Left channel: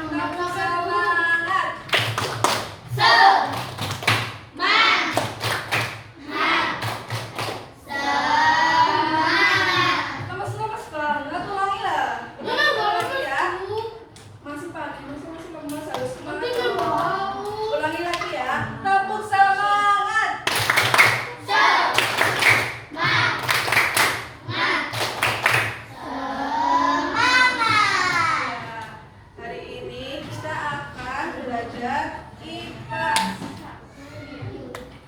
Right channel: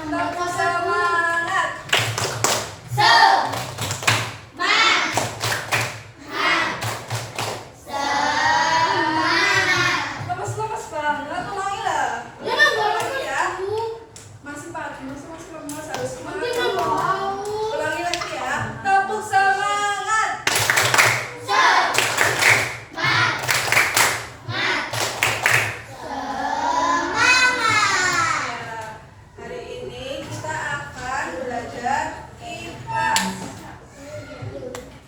Tepuk semangat. Lemes-lemes banget, ulangi lah. Ulangi ya. Masih pagi, masih lemes, harus semangat. Ulangi lagi ya. Tepuk semangat. Hari ini kita akan belajar IPA.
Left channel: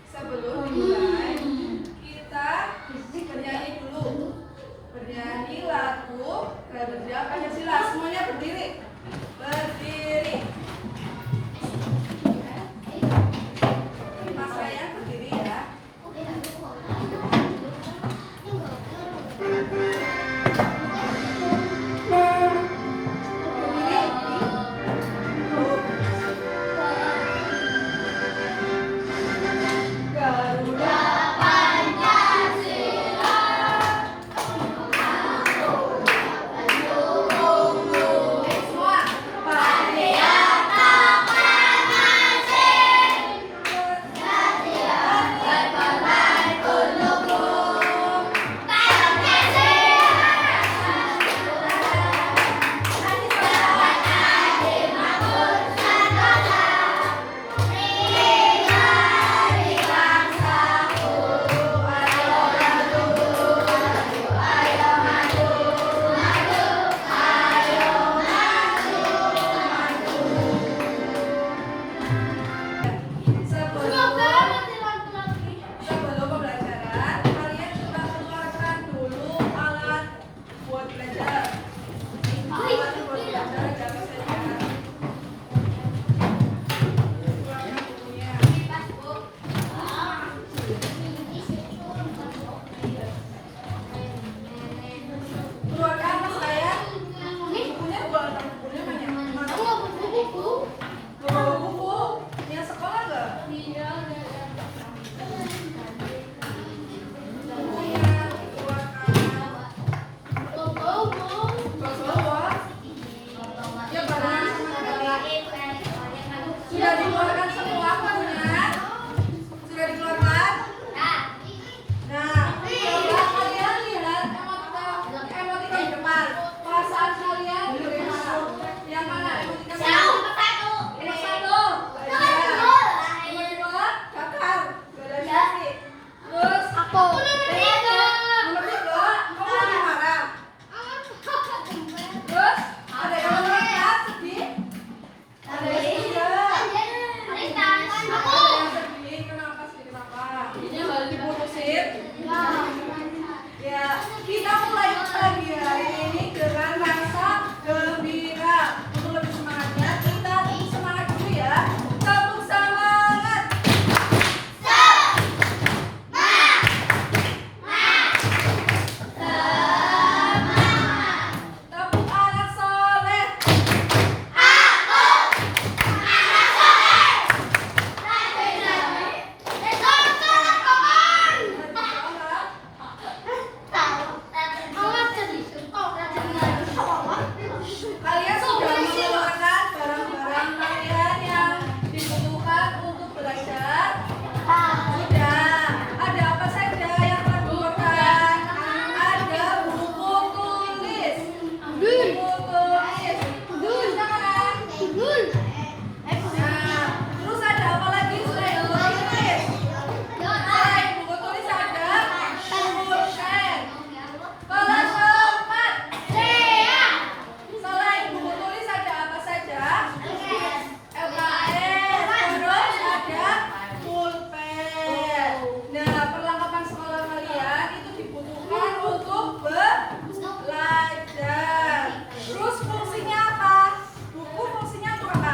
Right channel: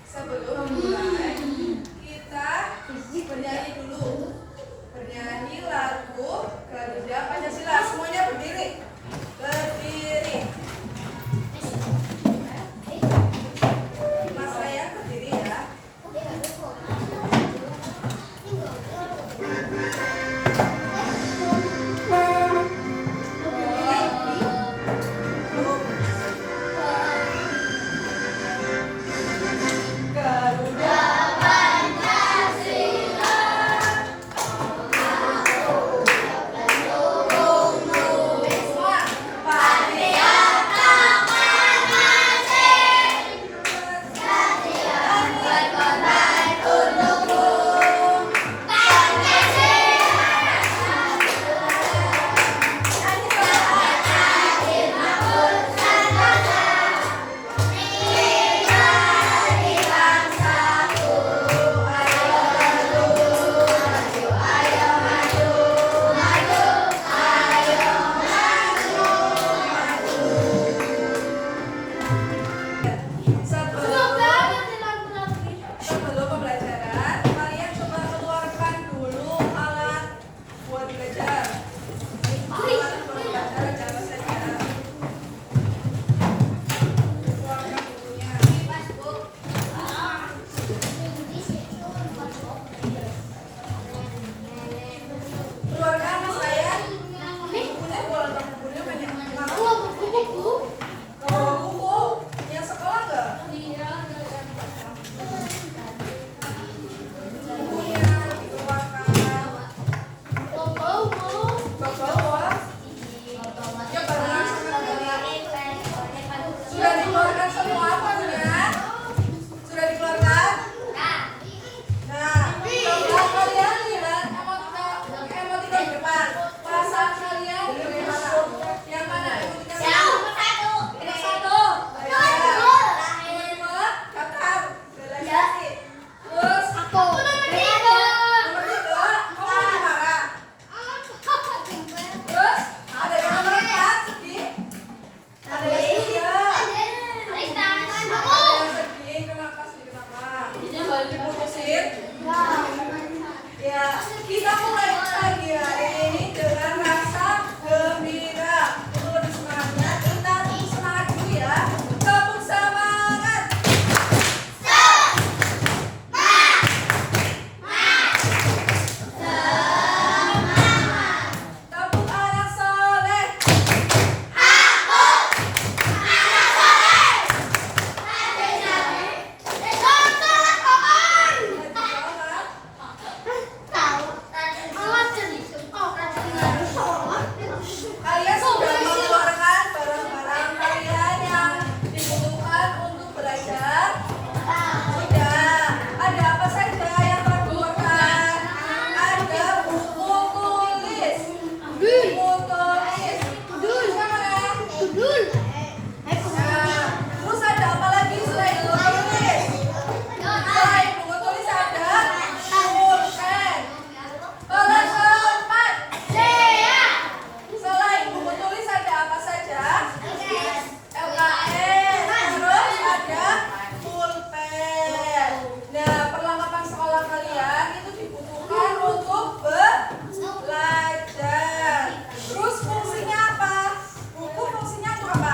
Sebelum mulai, kita bernyanyi dulu. Bernyanyi lagu Garuda Pancasila. Semuanya berdiri. Berdiri. Mas sayang berdiri ya. Garuda Pancasila. Semua. Patriarka Panasih. Setiap berkorban untukmu. Pancasila. Adil makmur sentosa. Pria dari bangsaku. Ayo maju, ayo maju, maju, ayo maju, maju. Sebelum pembelajaran, kalian coba keluarkan dulu alat buat belajar. Alat buat belajar jangan saja. Keluarkan bukunya. Keluarkan mas saya. Bukunya keluarkan bukunya banyak. Mana? Bawa buku. Yang sekolah nggak? Bukunya dikeluarkan. Bawa. Ya barengan sama kalian. Sudah dikeluarkan semua bukunya? Sudah dikeluarkan? Nah, coba kalian lihat emotika di depan. Perasaan kalian bagaimana? Yang mana emotika? Yang satu. Yang dua, catat. Relasi. Terus nomor tiga, kamu lagi marah. Terus ada yang nomor 4 sedih. Ada yang tiga. Ada yang sedih. Kenapa sedih? Kenapa? Ini baru diputusin. Ya, kita mulai pagi hari ini dengan rasa gembira. Untuk lebih semangatnya, kita semangat dulu ya. Tepuk semangat. Tepuk anak soleh. Kalian sudah mengeluarkan barang-barang kalian yang dibutuhkan untuk belajar? Sudah. Ada apa saja yang telah dikeluarkan? Ada buku tulis. Buku tulis. Tulisnya mana? Nah, terus ada apa lagi selain buku tulis? Selain buku tulis ada pulpen. Kelas 4. Selain buku tulis ada apa saja? LKS. Terus ada pulpen. Nah, perlengkapan sekolah kalian itu dibutuhkan untuk belajar. Terus fungsinya apa? Buku fungsinya untuk apa?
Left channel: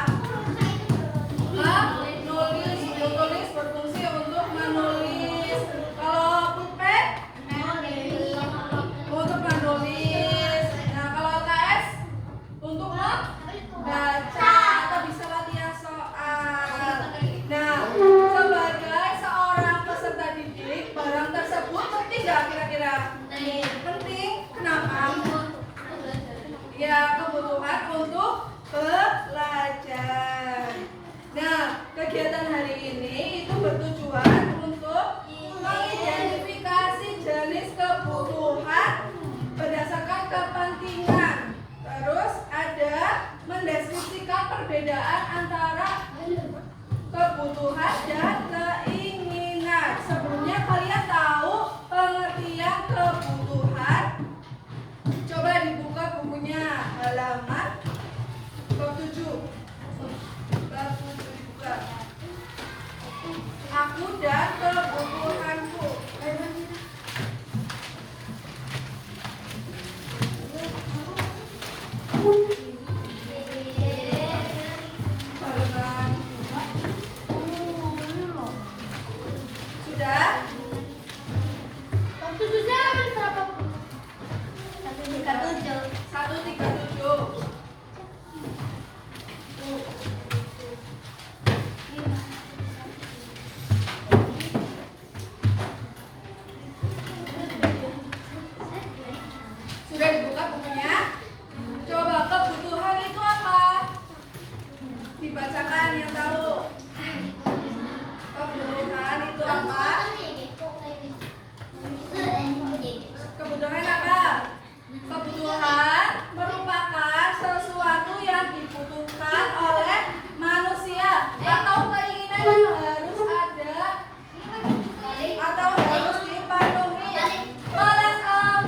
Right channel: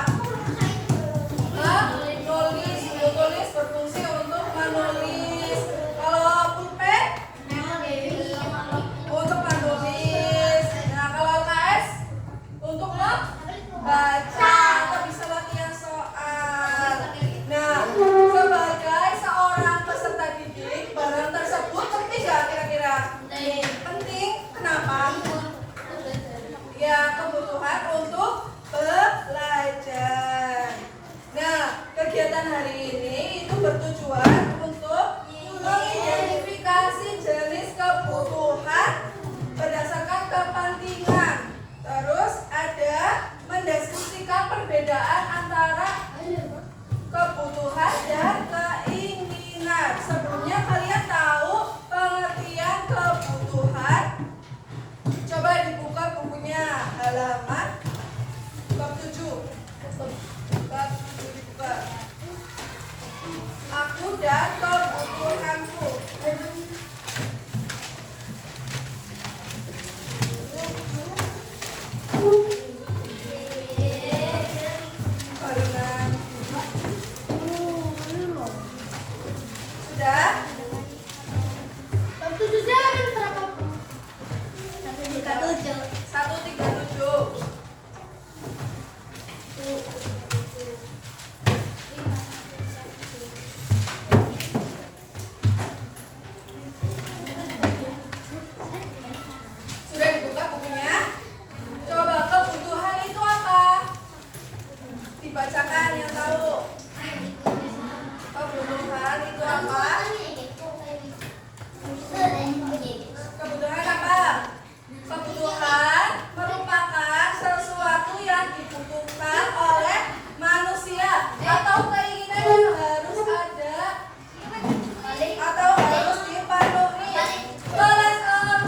perbedaan antara kebutuhan dan keinginan. Sebelumnya kalian tahu pengertian kebutuhan? Coba dibuka bukunya halaman bab 7. Bab 7 dibuka. Aku dan kebutuhanku. Sudah? Bab 7 halaman berapa? 137. Sudah dibuka bukunya? Coba kebutuhan itu apa? Dibacakan yang tahu. Kebutuhan itu apa? Kebutuhan apa? Kebutuhan merupakan sesuatu yang dibutuhkan oleh manusia atau keinginan yang harus ada atau harus dipenuhi. Kelas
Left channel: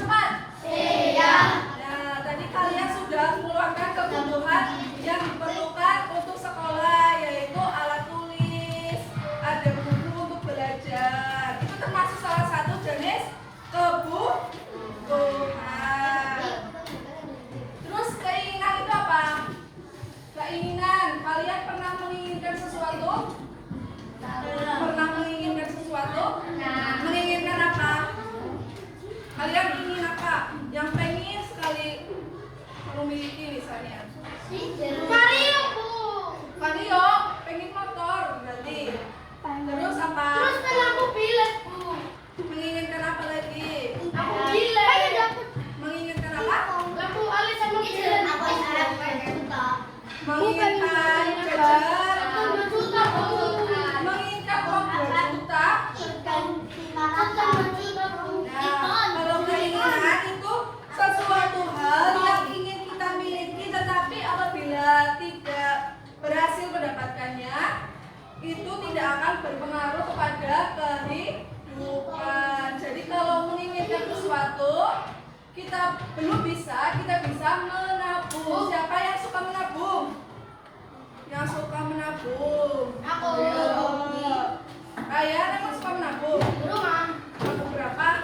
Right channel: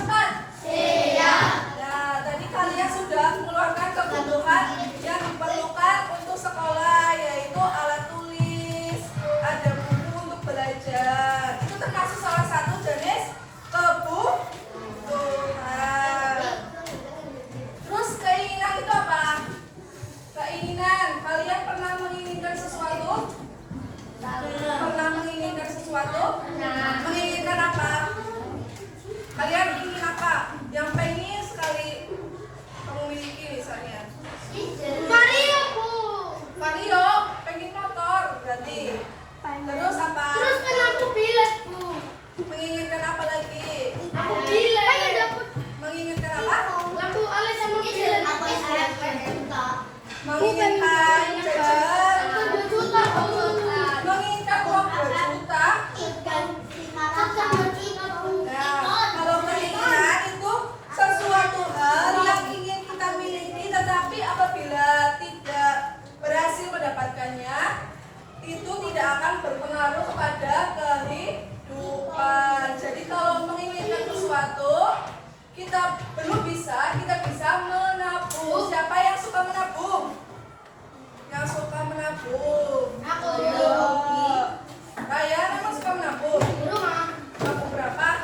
4. Nah, tadi kalian sudah mengeluarkan kebutuhan yang diperlukan untuk sekolah, yaitu alat tulis, ada buku untuk belajar. Itu termasuk salah satu jenis kebutuhan. Terus keinginan itu apa? Keinginan, kalian pernah menginginkan sesuatu? Pernah menginginkan sesuatu? Menginginkan apa? Kalian ingin apa? Yang pengen sekali kamu miliki misalnya. Mario, Bu. Vario, pengen motor berarti. Terus apa? Terus kan aku bilet, Bu. Menginginkan apa lagi? Aku bilet. Menginginkan apa? Lampu alis sama bilet. Menginginkan jajan. Itu 2 juta, Bu. Menginginkan uang 2 juta. Nah, kalau keinginan itu sesuatu hal yang ingin kita miliki, tetapi apabila tidak berhasil mendapatkannya, itu tidak akan berpengaruh kepada kehidupan. Jadi kalau menginginkan sesuatu, kita belum bisa, kita bisa menabung. Siapa yang suka menabung? Yang suka menabung? Aku. Ayo. Kalian emang suka menabung? Rumah. Nabung berapa?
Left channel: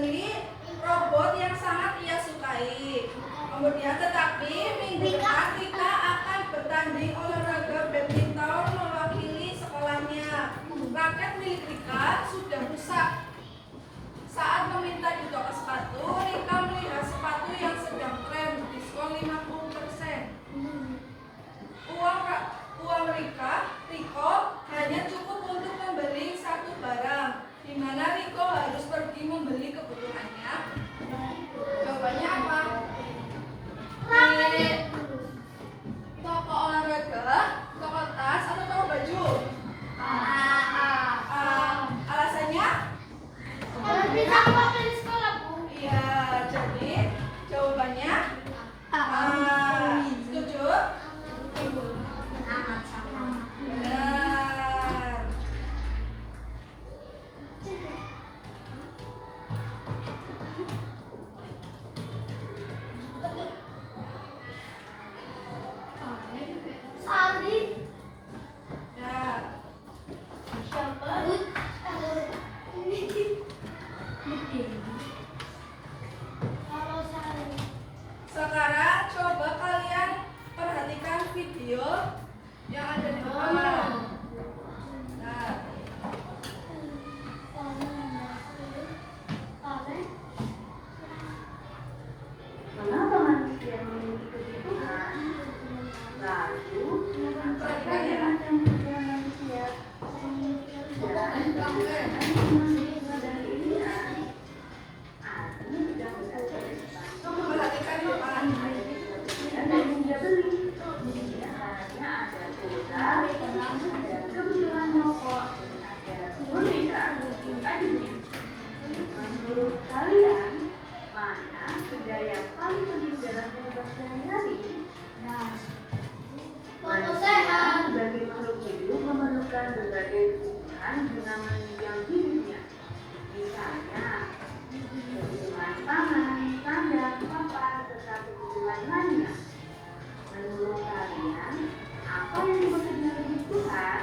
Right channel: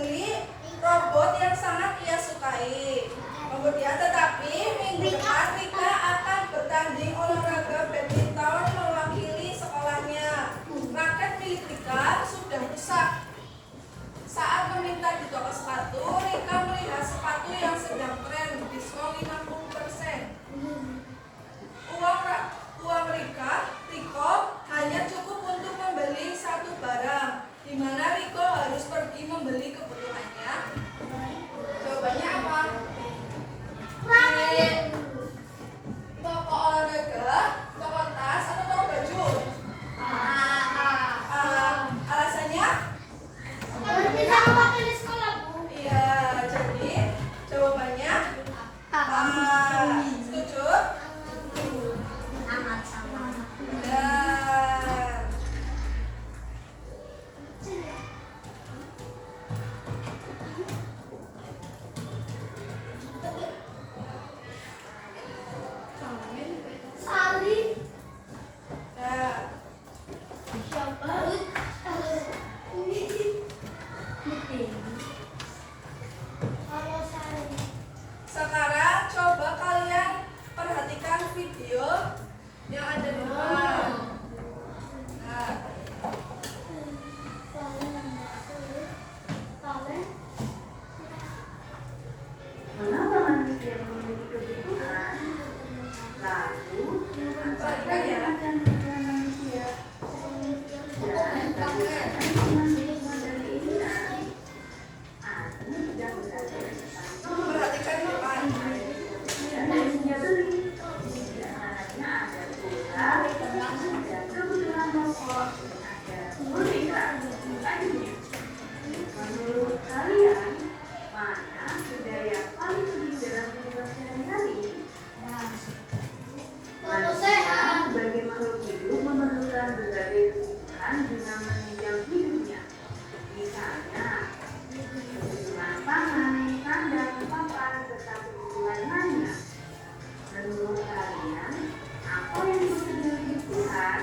membeli robot yang sangat ia sukai. Kemudian tetapi minggu depan Rika akan bertanding olahraga badminton mewakili sekolahnya. Raket milik Rika sudah rusak. Saat meminta di toko sepatu, Rika melihat sepatu yang sedang tren diskon 50%. Uang Riko hanya cukup untuk membeli satu barang, di mana Riko harus pergi membeli kebutuhannya. Jawabannya apa? Pilih toko olahraga, toko tas, atau toko baju? Alasannya? Kalau kita pakai di sekolah, Bu. Iya, jadi jawabannya apa? Setuju? Benar. Saldi. Ya. Siapa? Kalau Saldi. Sekarang coba kalian perhatikan video yang ada di depan. Nah, Mengapa manusia memiliki kebutuhan? Lalu, apa saja macam kebutuhan manusia? Dan bagaimana manusia dan keinginan? Aku sedang berada di depan. perhatikan di depan. Dan dia beli. Tidak hanya ada kuota, ada kebutuhan pokok, ada boneka, tadinya. Menurut kalian, mana budaya yang paling penting dalam kehidupan sehari-hari? Manusia sebagai makhluk hidup memerlukan berbagai kebutuhan guna menunjang hidupnya. Misalnya, kebutuhan pangan, sandang, papan, serta kebutuhan lainnya. Menurut kalian, apa yang disebut dengan kebutuhan?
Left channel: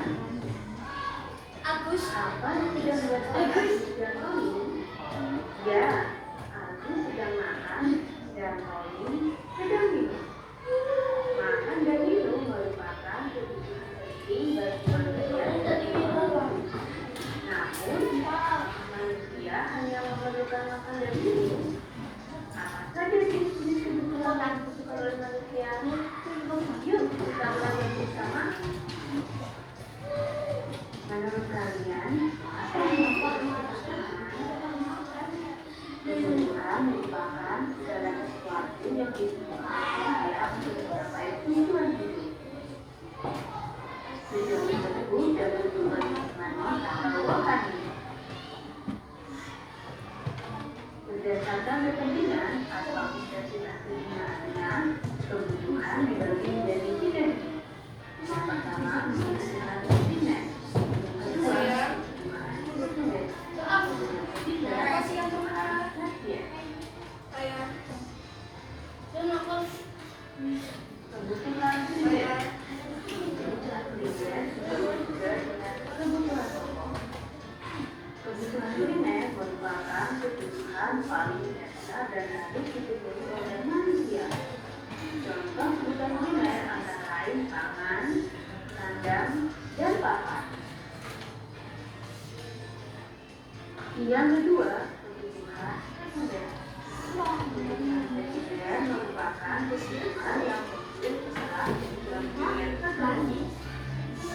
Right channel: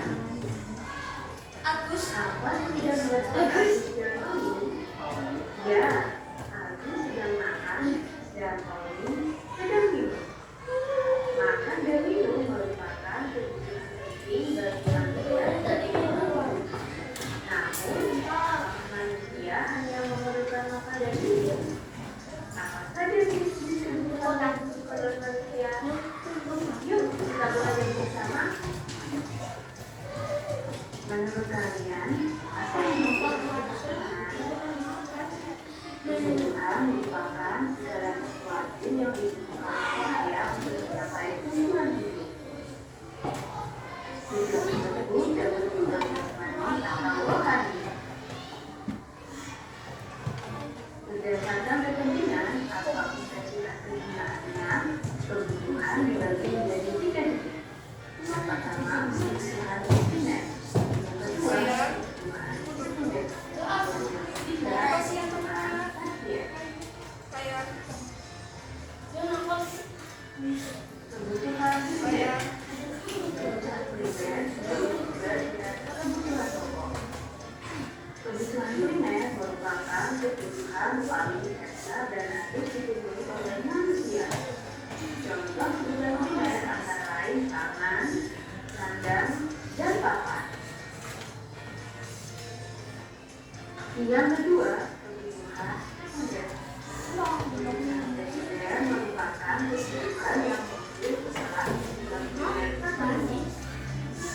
Agus. Apa yang tidak merasakan dan Pauline? Ya, aku sedang makan dan Pauline sedang minum. Makan dan minum merupakan kebutuhan penting bagi manusia sebagai makhluk. Namun, manusia hanya memerlukan makan dan minum. Apa saja jenis kebutuhan yang disukai oleh manusia? Yuk, kita belajar bersama. Menurut kalian, apa yang membuat kebutuhan merupakan segala sesuatu yang dibutuhkan manusia untuk mencapai tujuan hidup. Tujuan tersebut dapat berubah jasmani atau rohani. Berdasarkan kepentingan atau intensitas keinginan, kebutuhan dibagi menjadi 3 jenis. Yang pertama, kebutuhan keinginan. Yang kedua, kebutuhan sekunder. Yang ketiga, kebutuhan tersier. Kebutuhan primer. Kebutuhan primer disebut juga dengan kebutuhan pokok. Kebutuhan primer merupakan kebutuhan paling dasar dan harus dipenuhi oleh manusia. Contoh kebutuhan primer antara lain pangan, sandang, dan papan. Yang kedua, kebutuhan sekunder. Kebutuhan sekunder merupakan kebutuhan yang muncul setelah kebutuhan primer terpenuhi.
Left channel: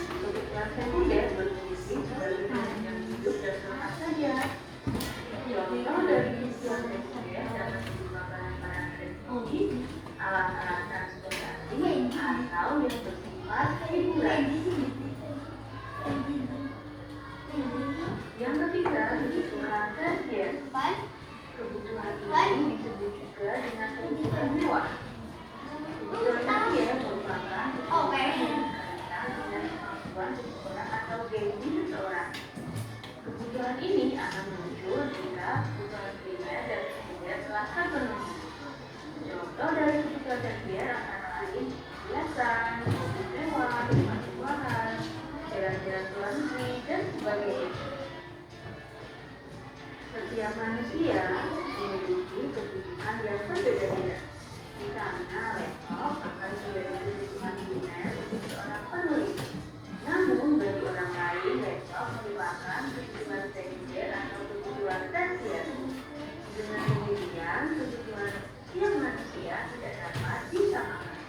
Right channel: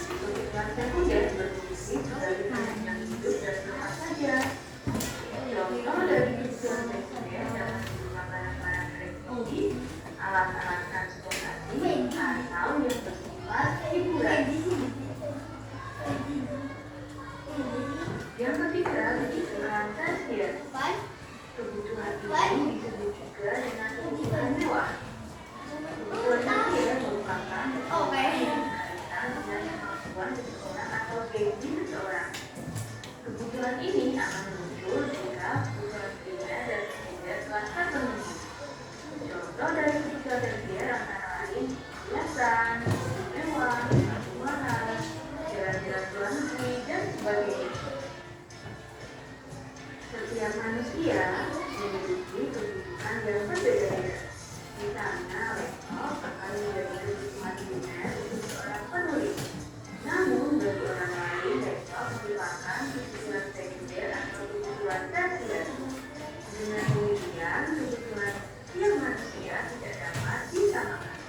Kebutuhan sekunder berfungsi sebagai penunjang hidup dan apa saja. Contoh dari kebutuhan sekunder dapat berupa barang-barang elektronik, alat-alat transportasi, atau yang bersifat hiburan. Yang ketiga, kebutuhan tersier. Kebutuhan ini disebut juga dengan kebutuhan mewah. Kebutuhan setiap manusia memiliki kebutuhan yang berbeda-beda. Misalnya, laptop akan menjadi kebutuhan primer untuk seorang penulis. Namun, bagi orang lain, laptop merupakan kebutuhan sekunder atau kebutuhan tersier. Dengan demikian, kebutuhan setiap manusia tidak dapat disamakan.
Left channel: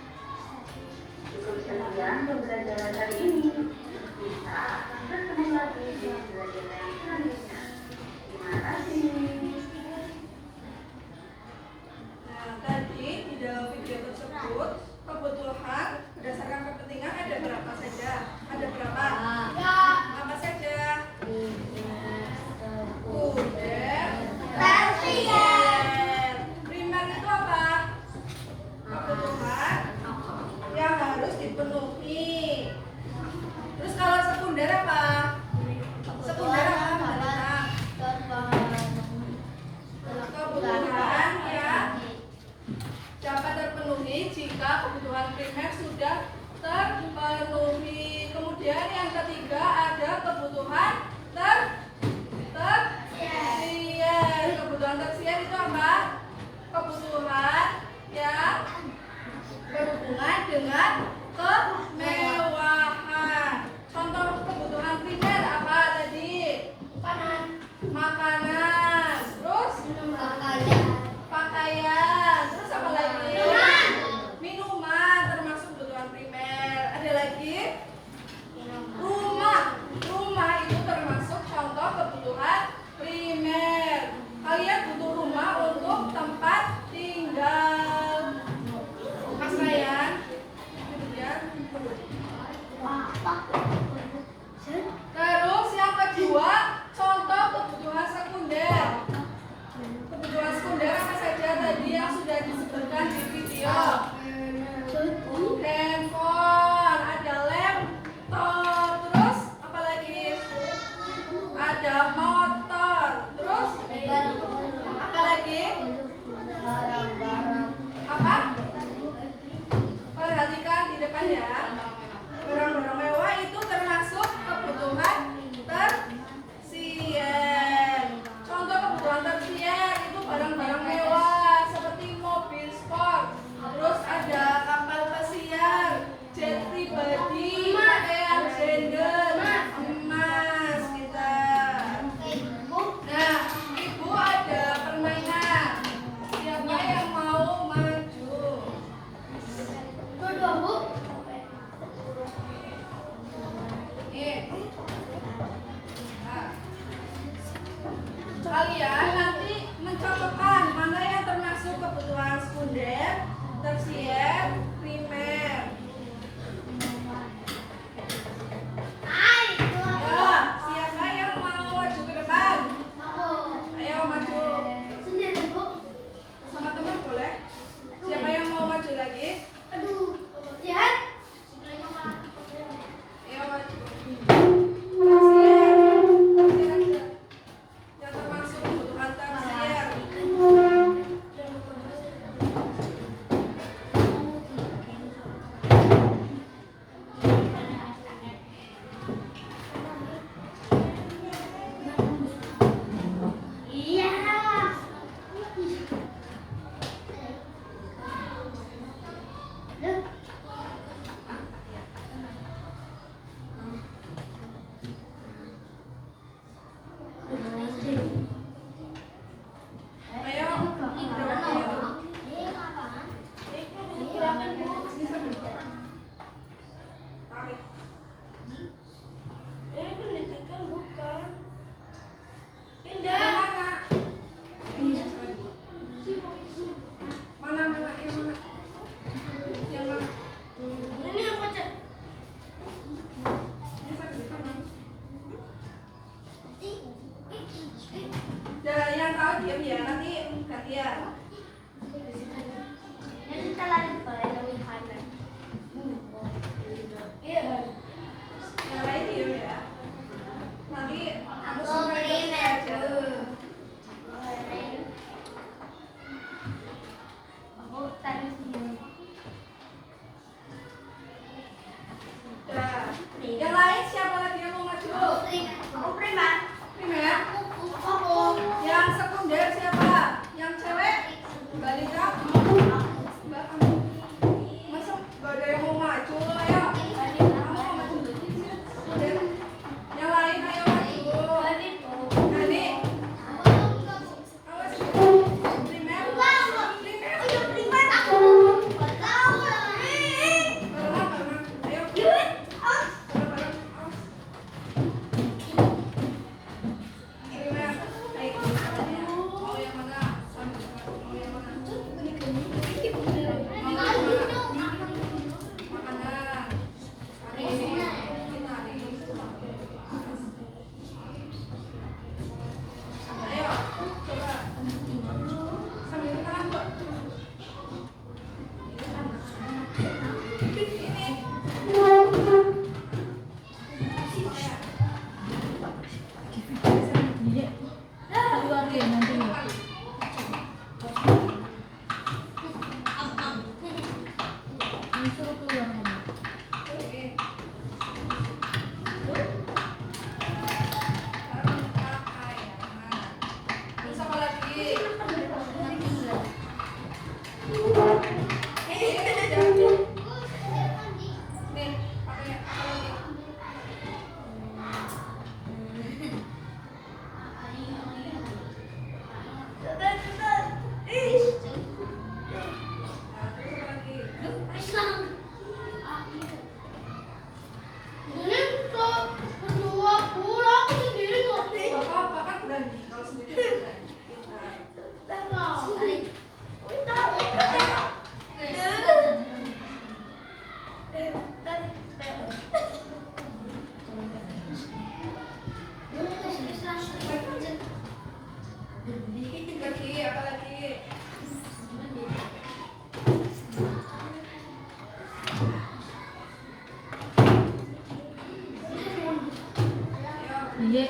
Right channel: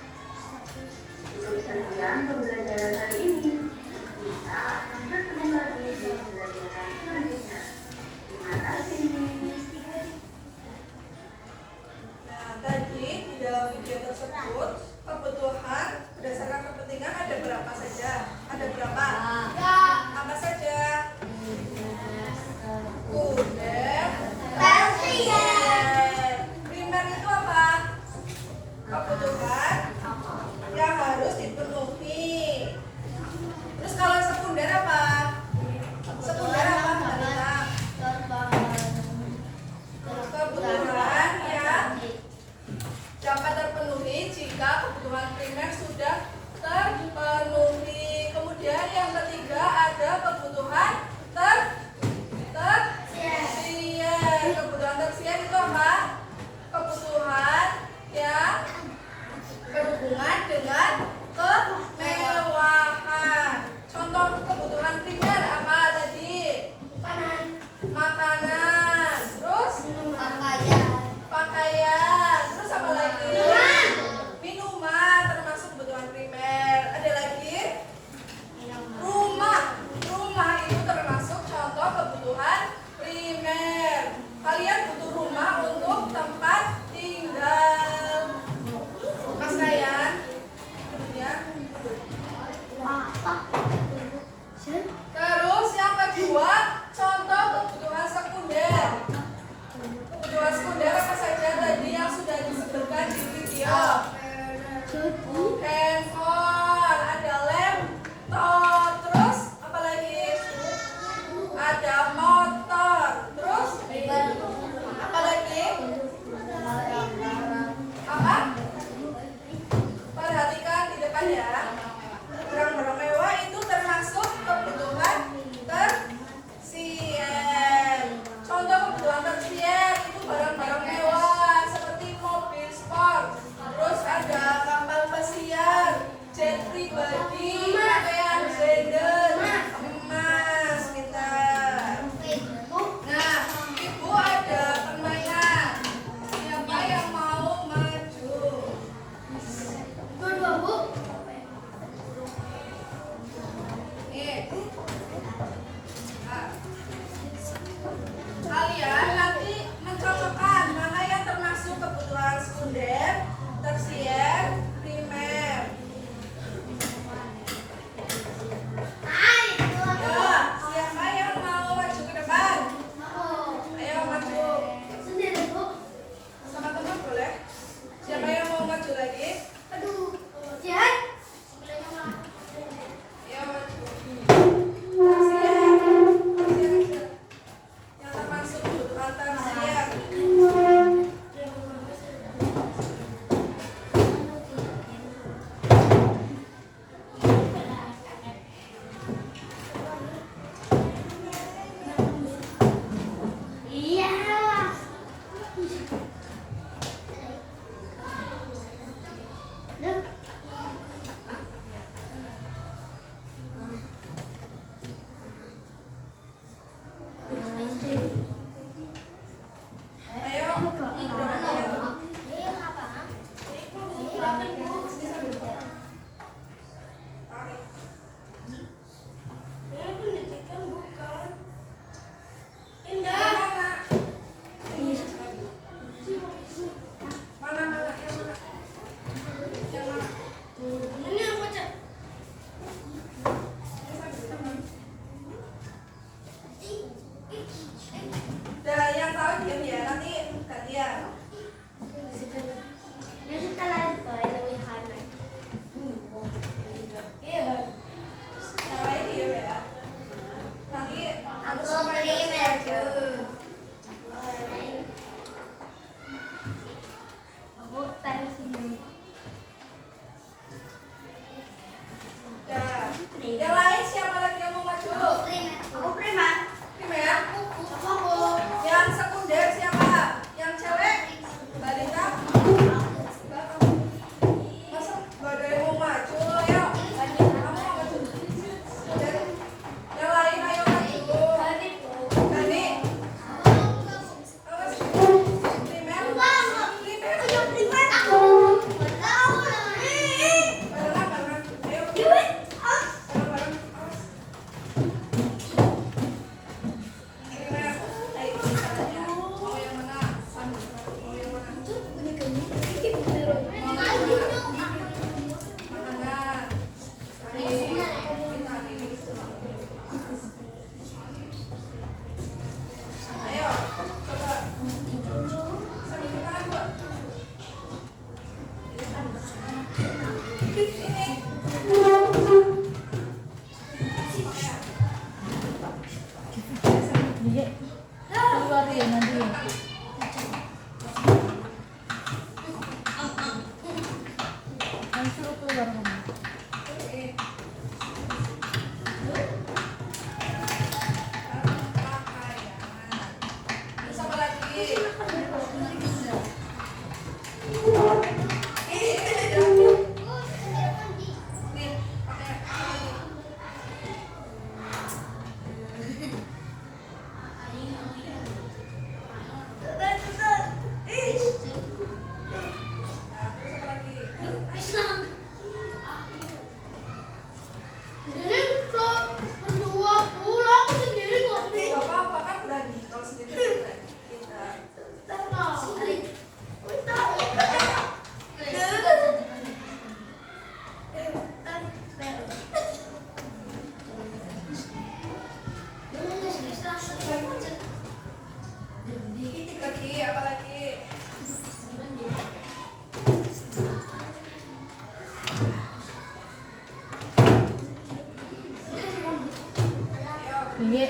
Cukup sekian pembelajaran hari ini. Kita akan bertemu lagi di pembelajaran selanjutnya. Terima kasih. Nah, tadi di dalam video tersebut kebutuhan berdasarkan kepentingan ada berapa saja? Ada berapa? Apa saja? Sekunder, tersier. Primer itu apa? Kebutuhan yang harus dipenuhi. Terus kalau sekunder apa? Sekunder apa? Kebutuhan yang dapat terpenuhi jika kebutuhan primer sudah terpenuhi. Kemudian yang ketiga ada kebutuhan tersier. Kebutuhan tersier itu apa? Kebutuhan yang berhubungan dengan kemewahan. Contoh kebutuhan primer apa tadi? Makanan. Terus pakaian. Terus apa lagi? Minuman termasuk kebutuhan primer. Ada lagi? Rumah. Rumah itu termasuk contoh kebutuhan primer. Kalian butuh rumah untuk tempat tinggal. Pakaian. Kemudian terus yang kedua, contoh kebutuhan sekunder. Kebutuhan sekunder apa saja tadi yang sudah disebutkan di video? Handphone, ada laptop, terus apa lagi? Ada motor, terus apa lagi? Apa? Perhatikan di depan ya. Barang-barang mewah itu termasuk kebutuhan tersier. Contoh kebutuhan tersier itu barang-barang mewah seperti mobil sport, terus ada kapal pesiar, jet pribadi, pakaian branded, emas kita. Nah, ibu ada permainan. Siapa yang mau maju? Nah, kalian nanti mencocokkan mana yang termasuk kebutuhan sekunder, tersier, primer. Ya, siapa yang mau maju ke depan? Ayo maju. Sama teman boleh? Siapa yang mau maju lagi? Ayo maju. Tersier. Yang termasuk kebutuhan tersier. Yang lagi nanti. Ayo suruh keluar kamu. Terus apa lagi? Iya.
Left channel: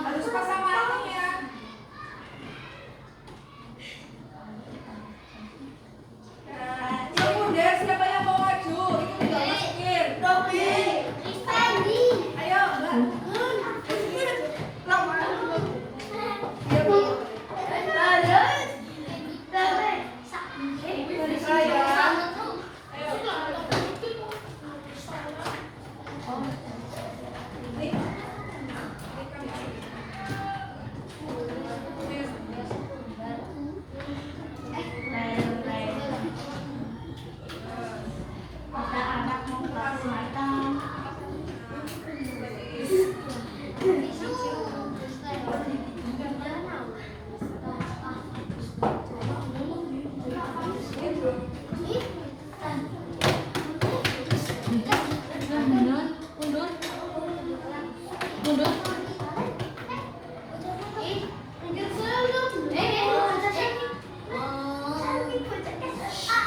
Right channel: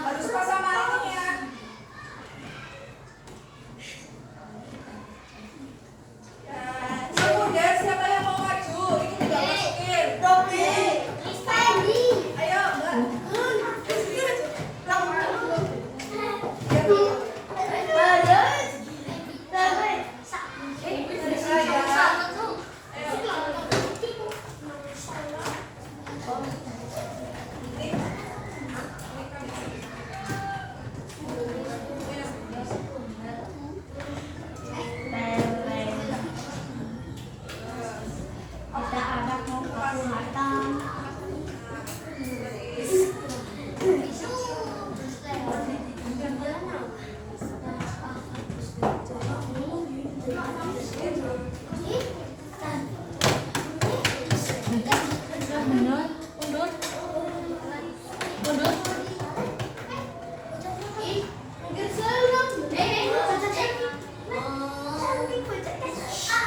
Harus pasang malam ya. Kemudian siapa yang mau maju? Itu tidak masukin. Robi. Ayo, Mbak. Di sini maju.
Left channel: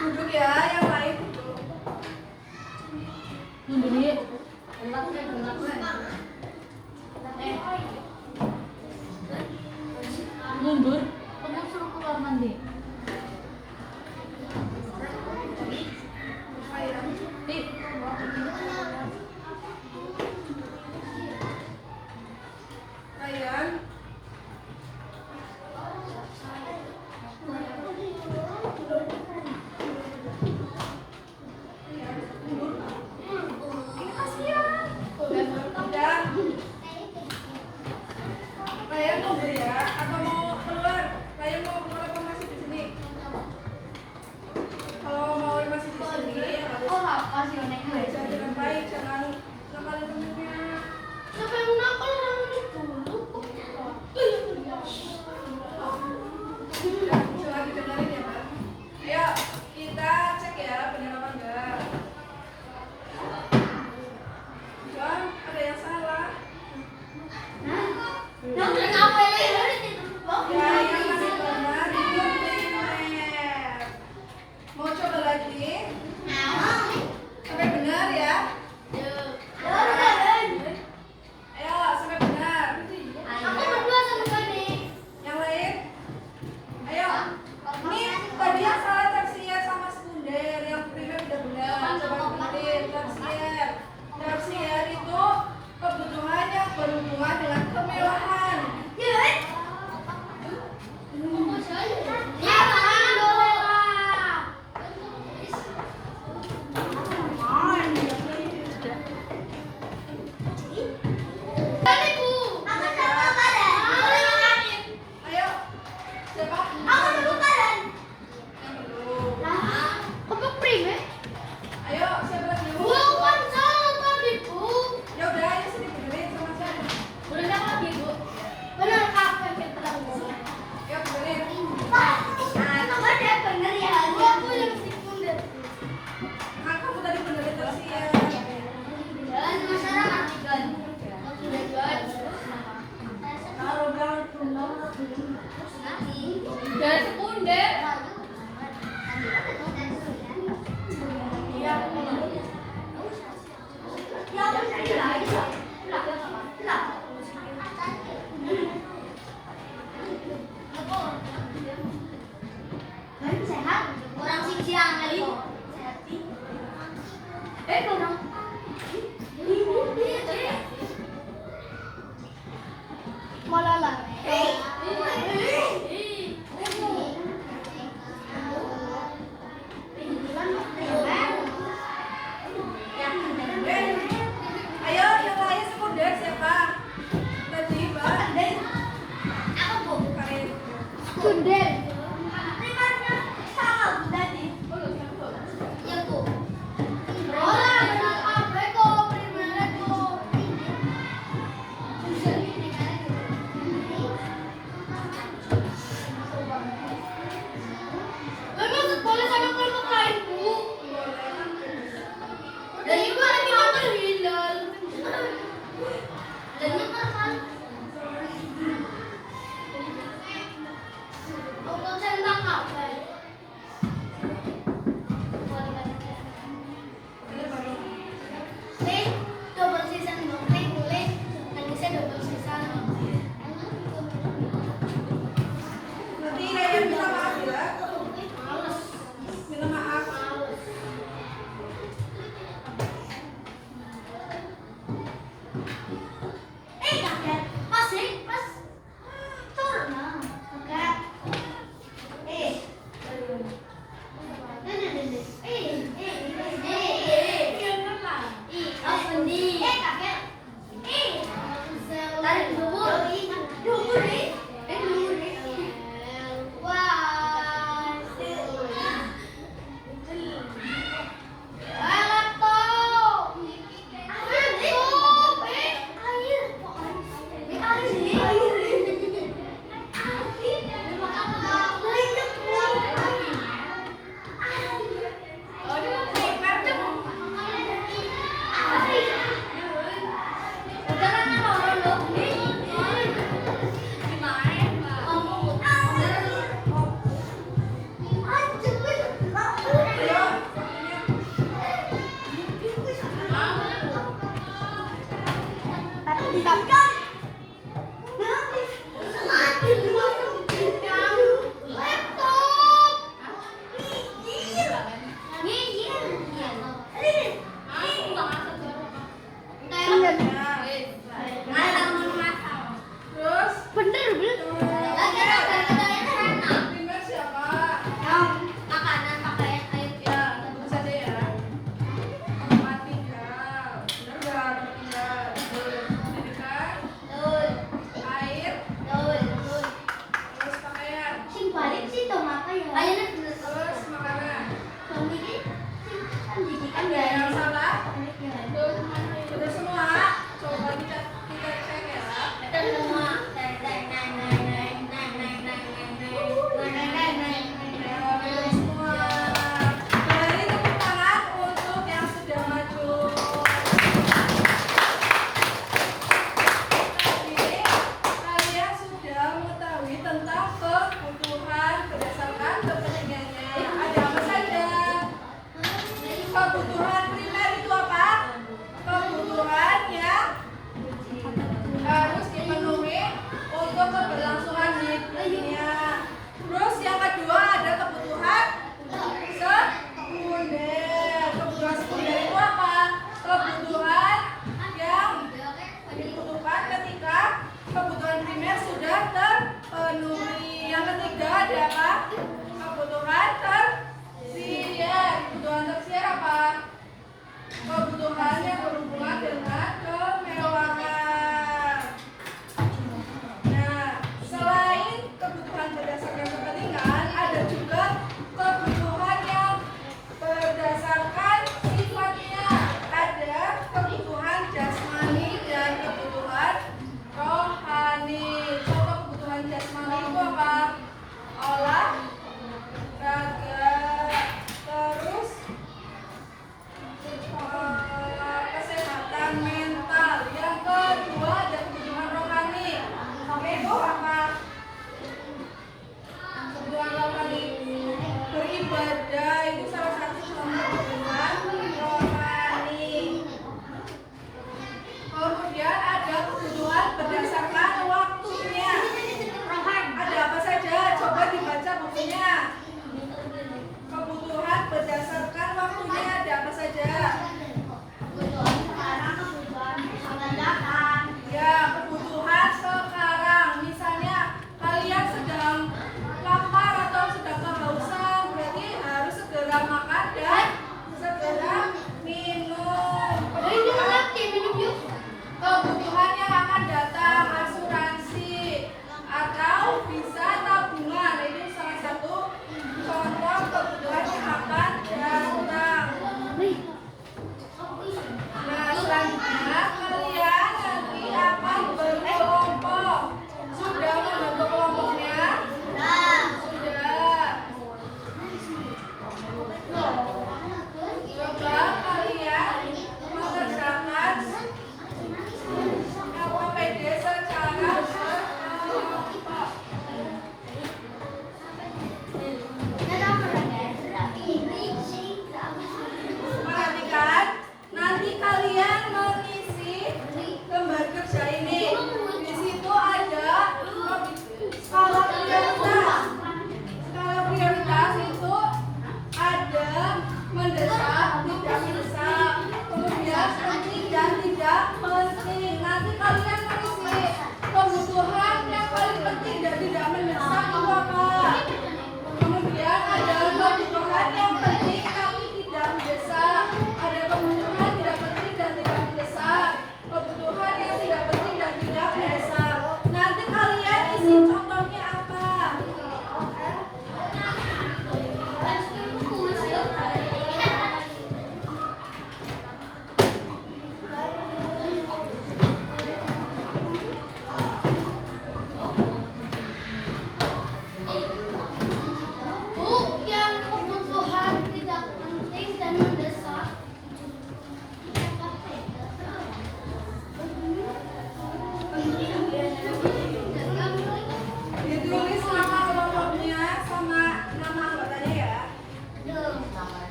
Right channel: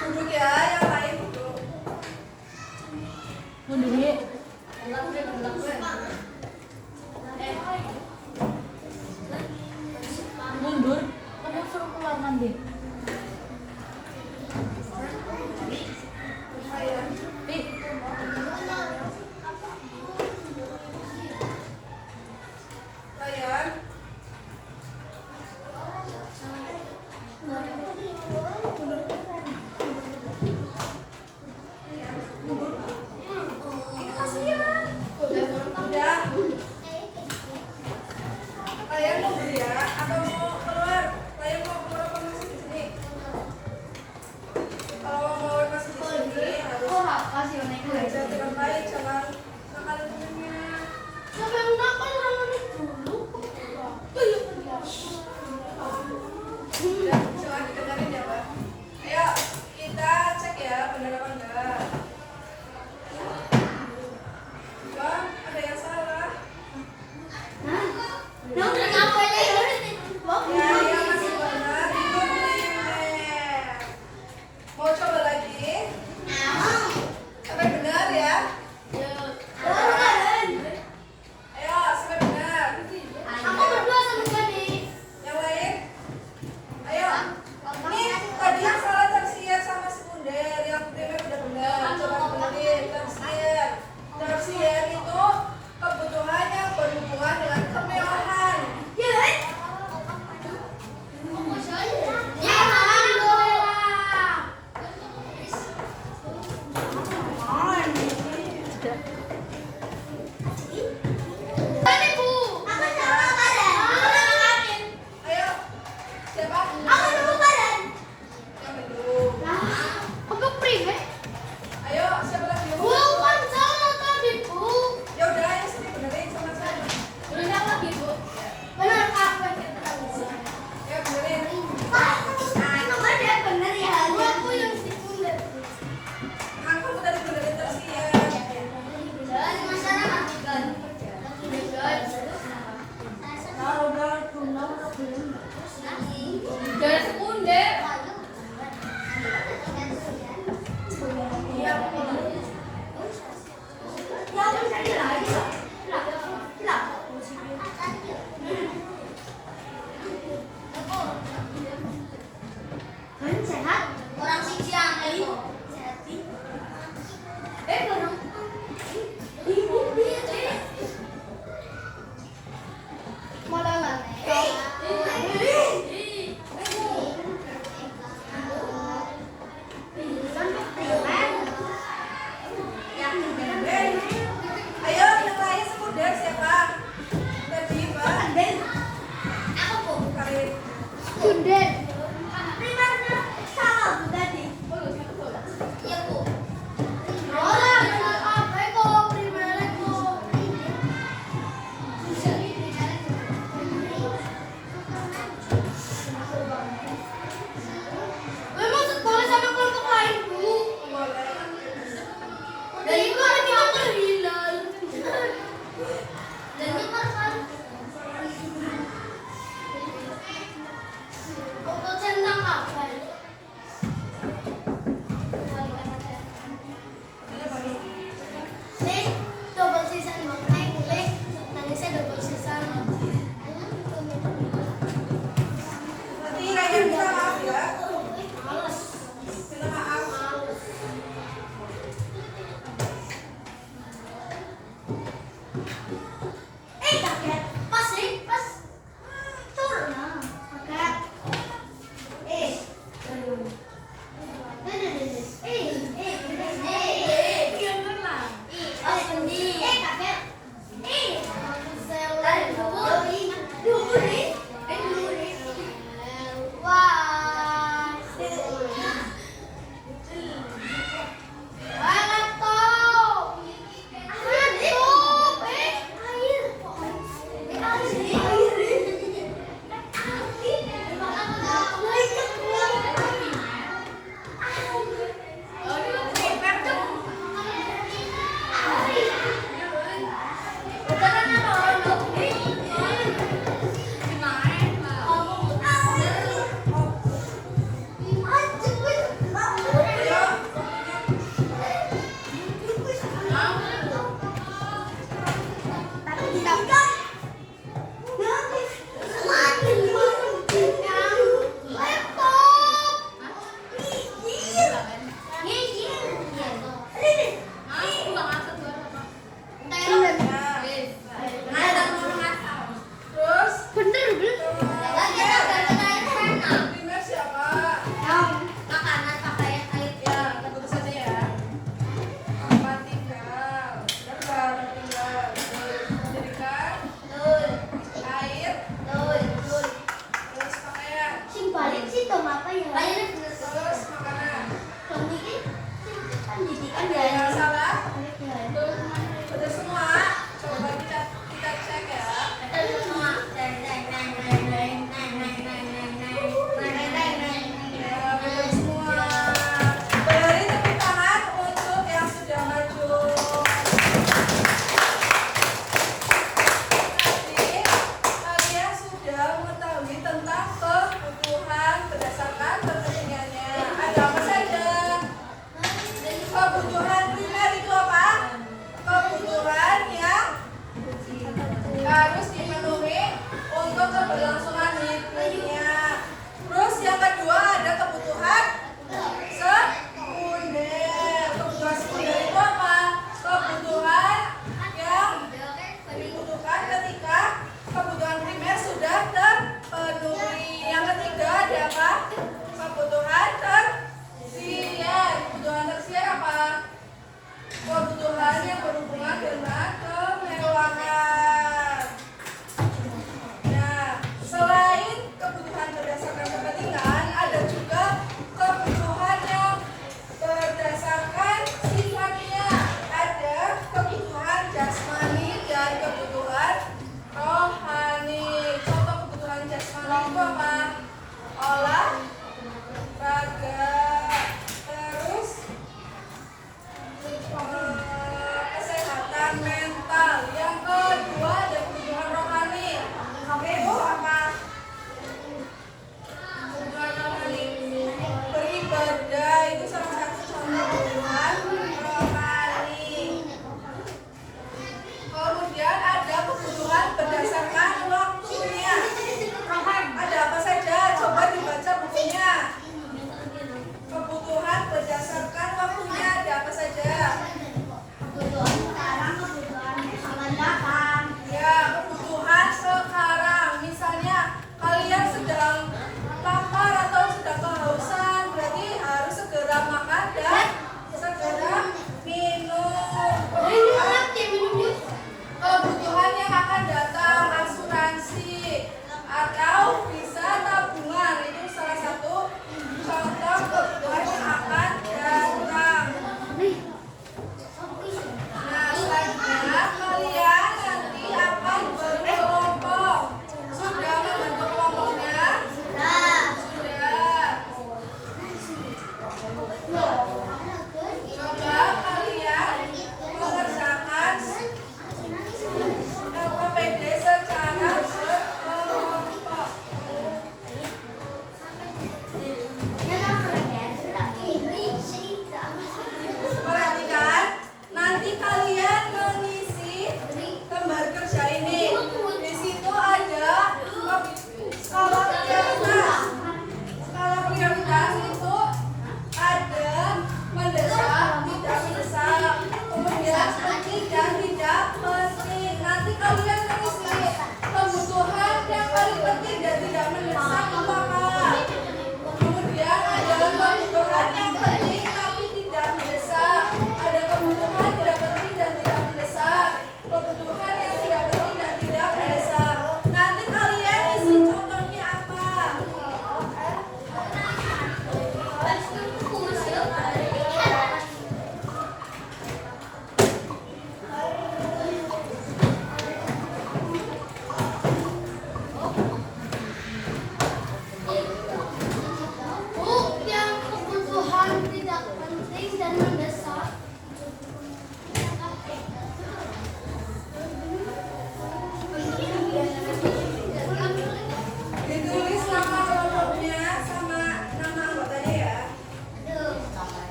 Duduk ya, yang lain duduk. Mundur ya. Mundur. Kamu suruh keluar nanti. Ti. Ryan. Ryan mau beli ya? Atau mau keluar? Ryan mau keluar apa masih di sini? Kalau mau masih di sini harus belajar dengan baik, jangan temennya. Jangan didengarin ya, Pak. Ayo, kita cek ya benar apa enggak. Bang, ada yang salah. Ya, yang masih benar itu primer. Mau coba lagi? Sampai benar ya. double season boleh nangisnya double season. Nanti Ryan minta maaf ya. Males. Minta maaf. Kaget. Pas sih, pas. Turun. Kaget. Primer siapa? Makanan pakai air. Ya, tentu saja ya. Tempat tinggal. Benar nggak? Tempat tinggal. Pendidikan. Air. Terus pakaian. Terus makanan. Ada yang salah? Betul semua. Coba kita cek ya. Ya, betul semua. Beri tepuk tangan untuk yang sudah maju. Tadi kalian sudah mengetahui tentang kebutuhan berdasarkan kepentingannya. Ada apa saja? Kebutuhan primer itu apa? Kebutuhan yang harus dipenuhi untuk keberlangsungan hidupnya. Terus yang kedua ada kebutuhan sekunder. Kebutuhan sekunder itu apa? Kebutuhan yang dibutuhkan ketika kebutuhan primer sudah terpenuhi. Yang ketiga ada apa? Kebutuhan tersier. Kebutuhan tersier apa? Kebutuhan yang berhubungan dengan kemewahan. Nah, selain kebutuhan berdasarkan kepentingan, ada juga kebutuhan yang berdasarkan sifatnya. Ada kebutuhan jasmani dan kebutuhan rohani. Contoh kebutuhan jasmani itu apa? Olahraga. Terus kesehatan mental. Yang kedua ada kebutuhan rohani. Itu apa? Kebutuhan rohani. Beribadah itu salah satu contoh kebutuhan rohani. Kemudian ada kebutuhan berdasarkan waktunya. Ada apa saja? Coba dibaca bukunya. Kebutuhan berdasarkan waktunya ada apa saja?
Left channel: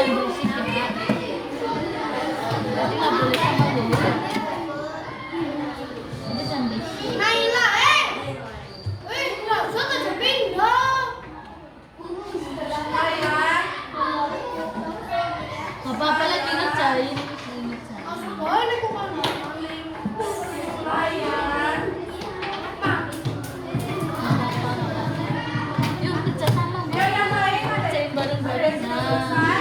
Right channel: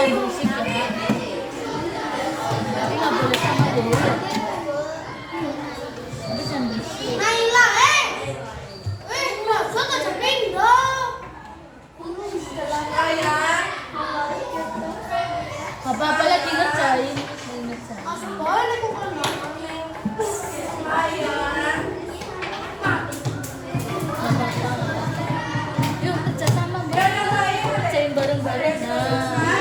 jangan berisik ya. Tapi nggak boleh sama dulu. Tapi jangan berisik. Sayang, Nggak apa-apa lagi ngerjain. sayang. Yuk kerja sama. Ya udah sayang, Kerjain bareng-bareng. Nah. selesai.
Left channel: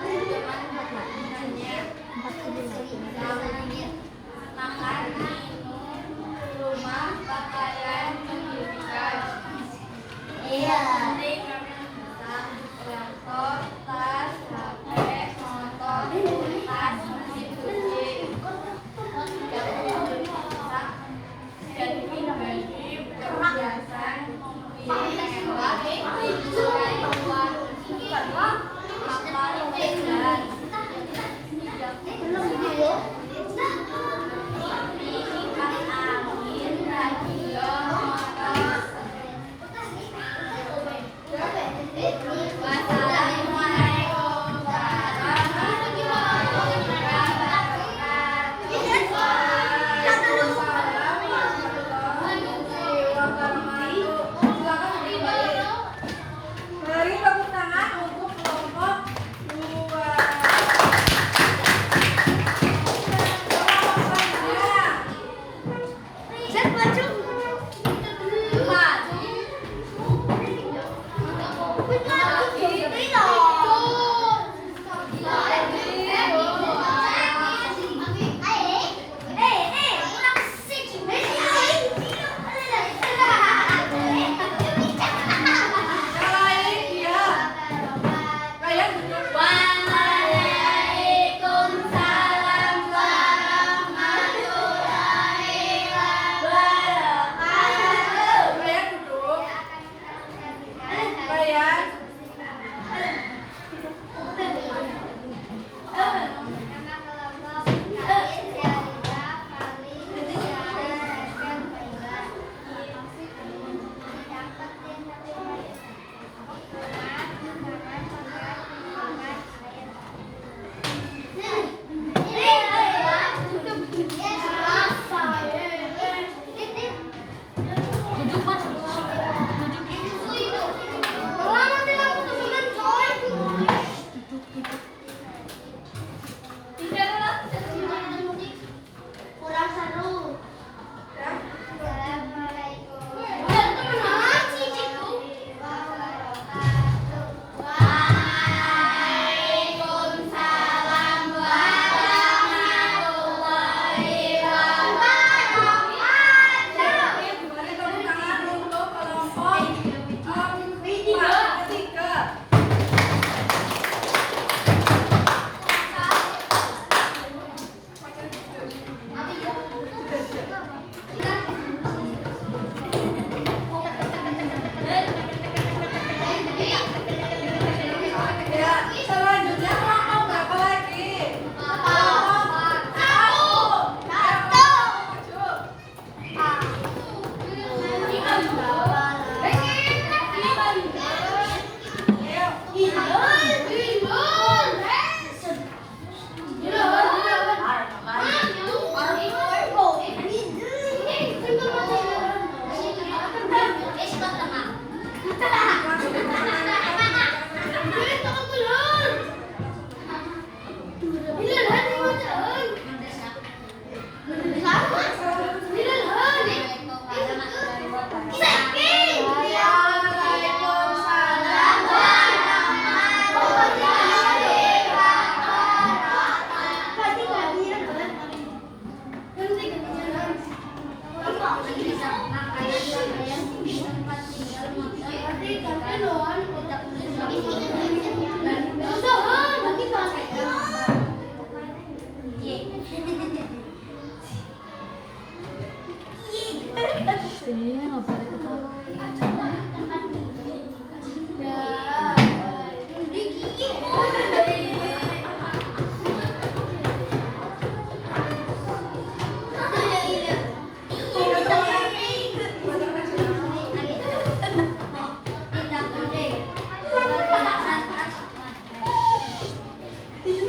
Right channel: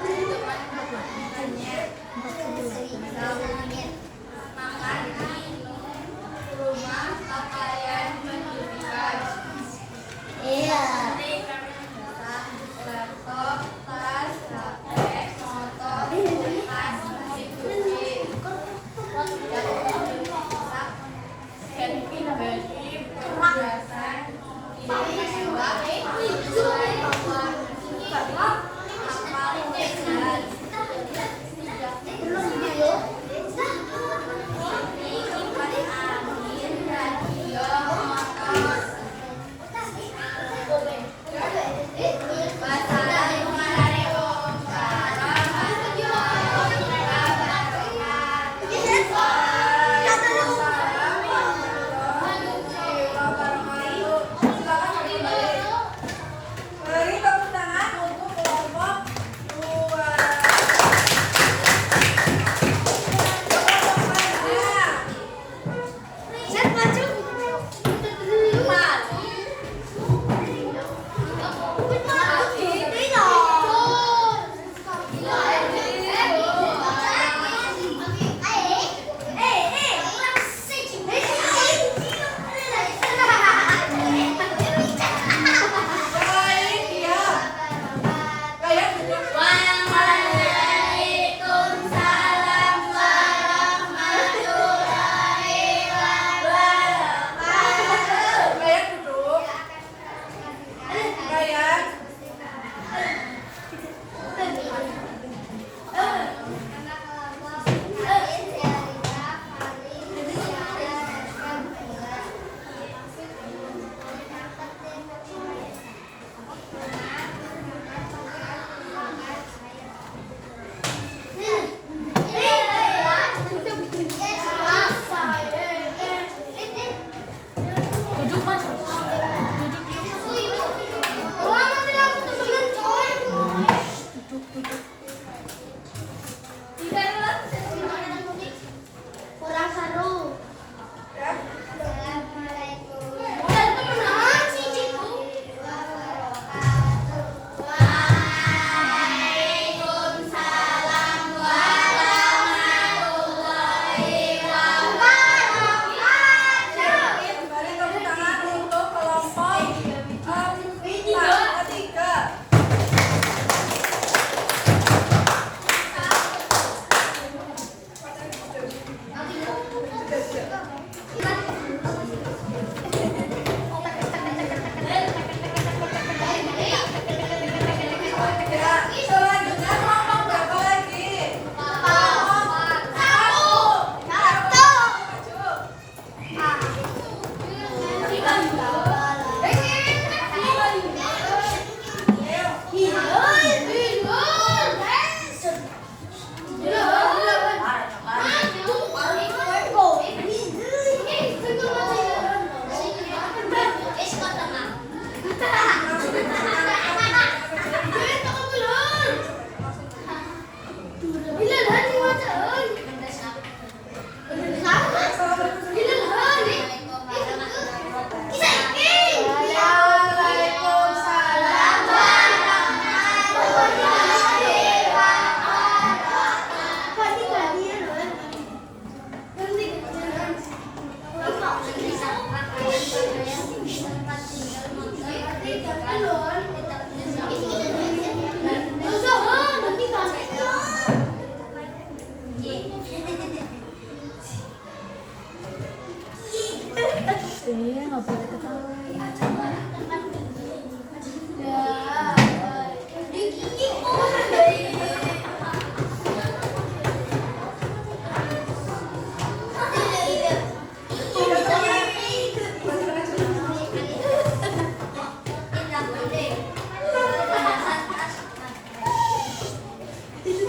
Terima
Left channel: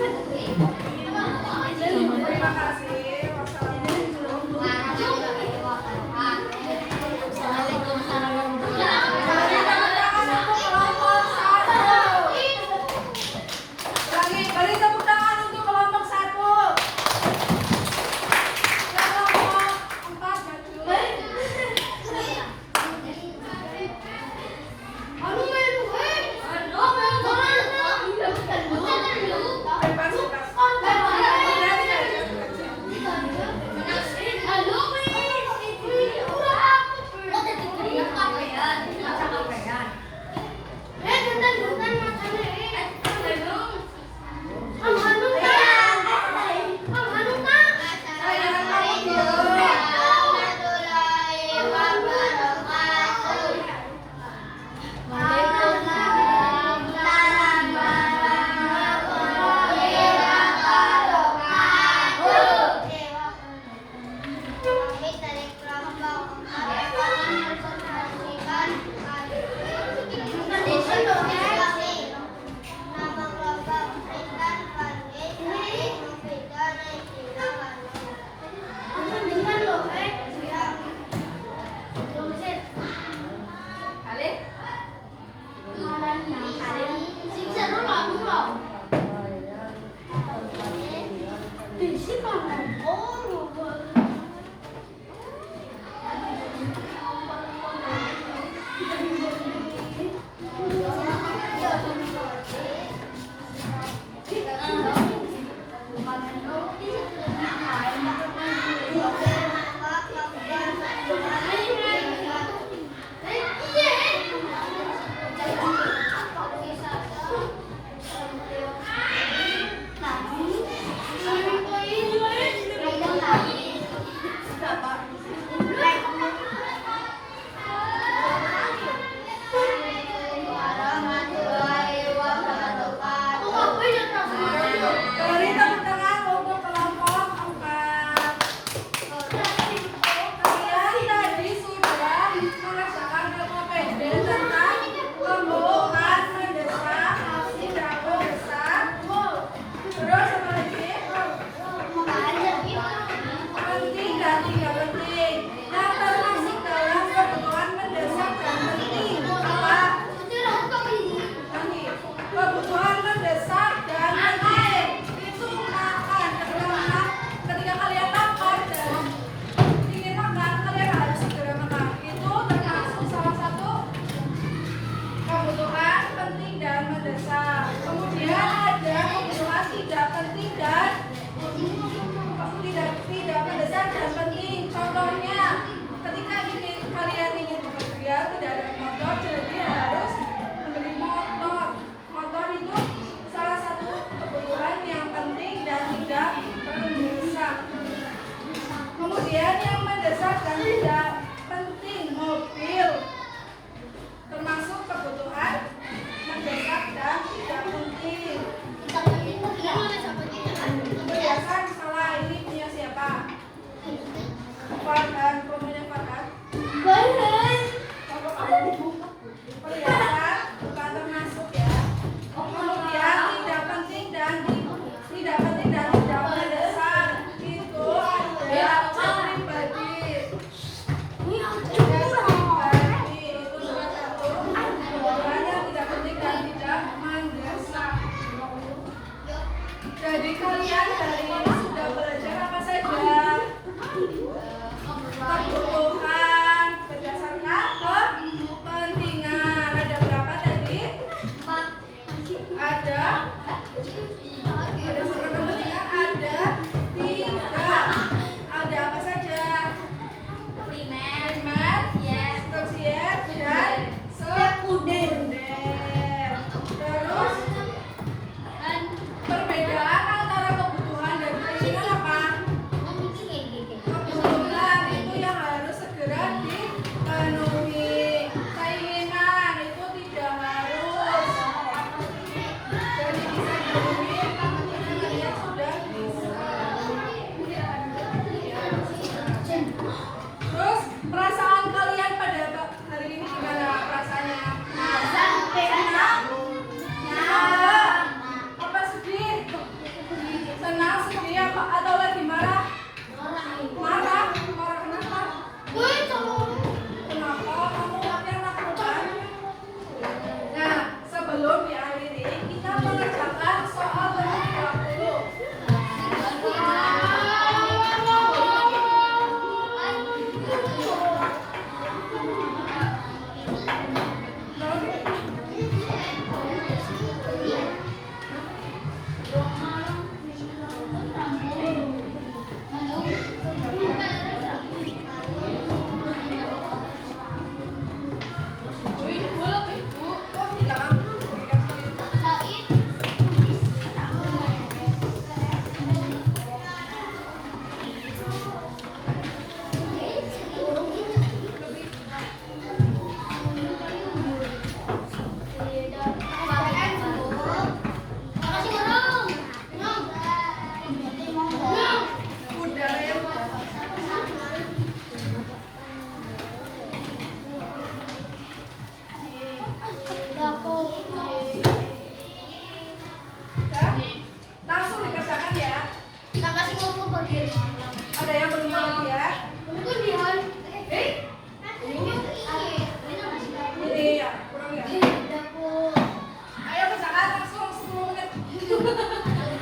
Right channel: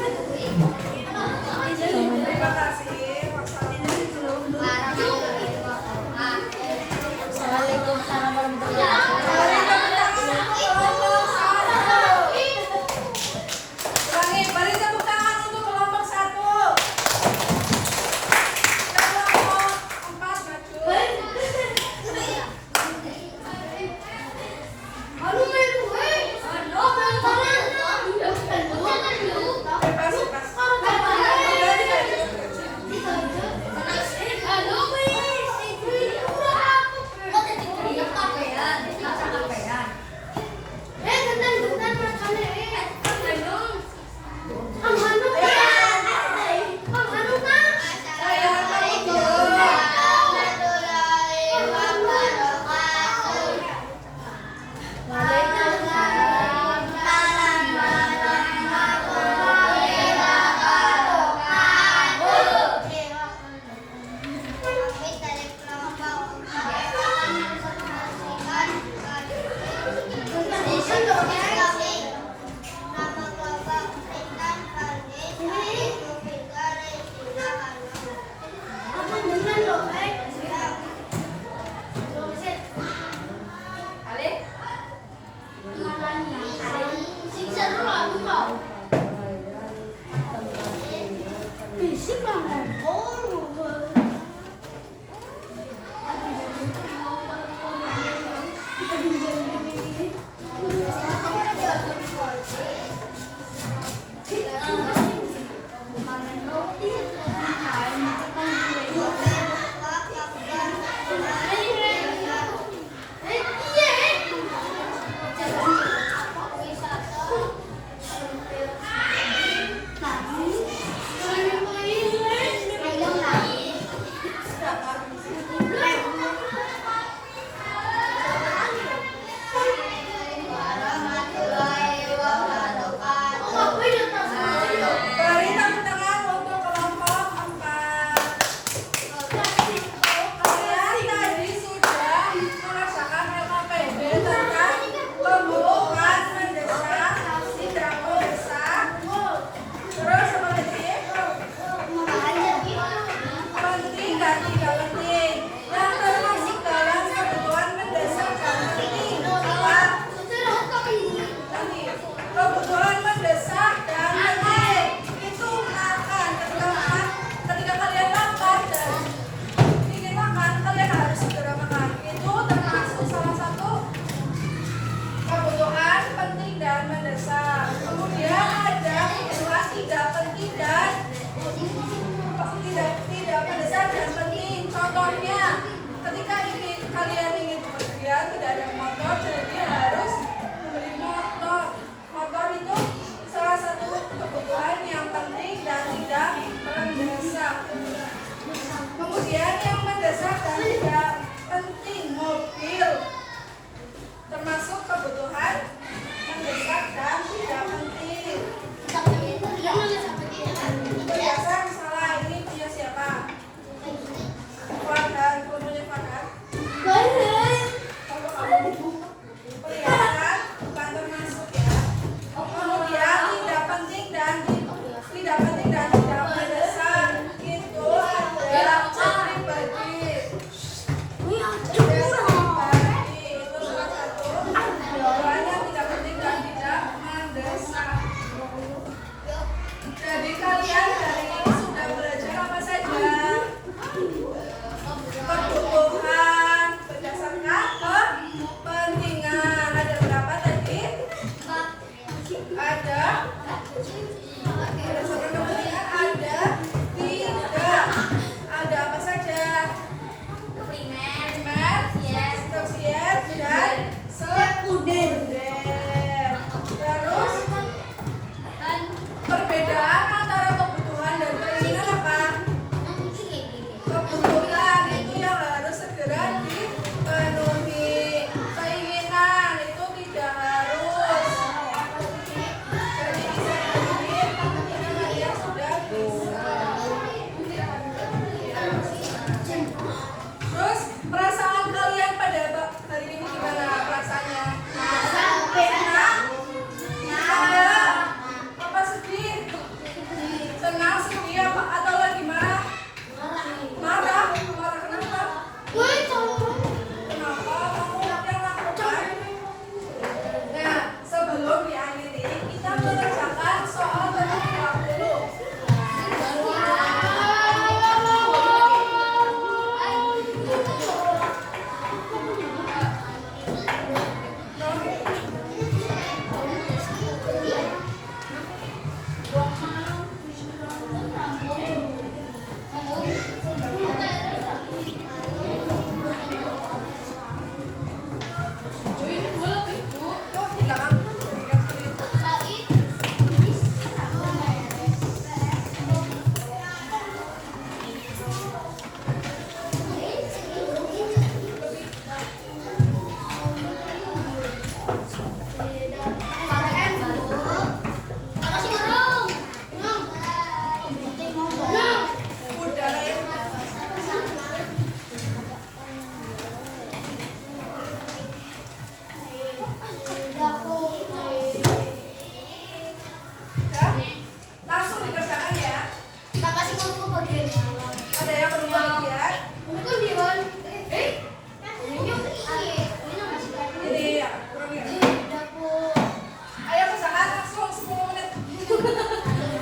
Terima kasih. Wassalamualaikum. Waalaikumsalam warahmatullahi Beri tepuk tangan untuk kelompok 1. Ulangi, beri tepuk tangan untuk kelompok 1. Kelompok 4 maju. Bebas, bebas.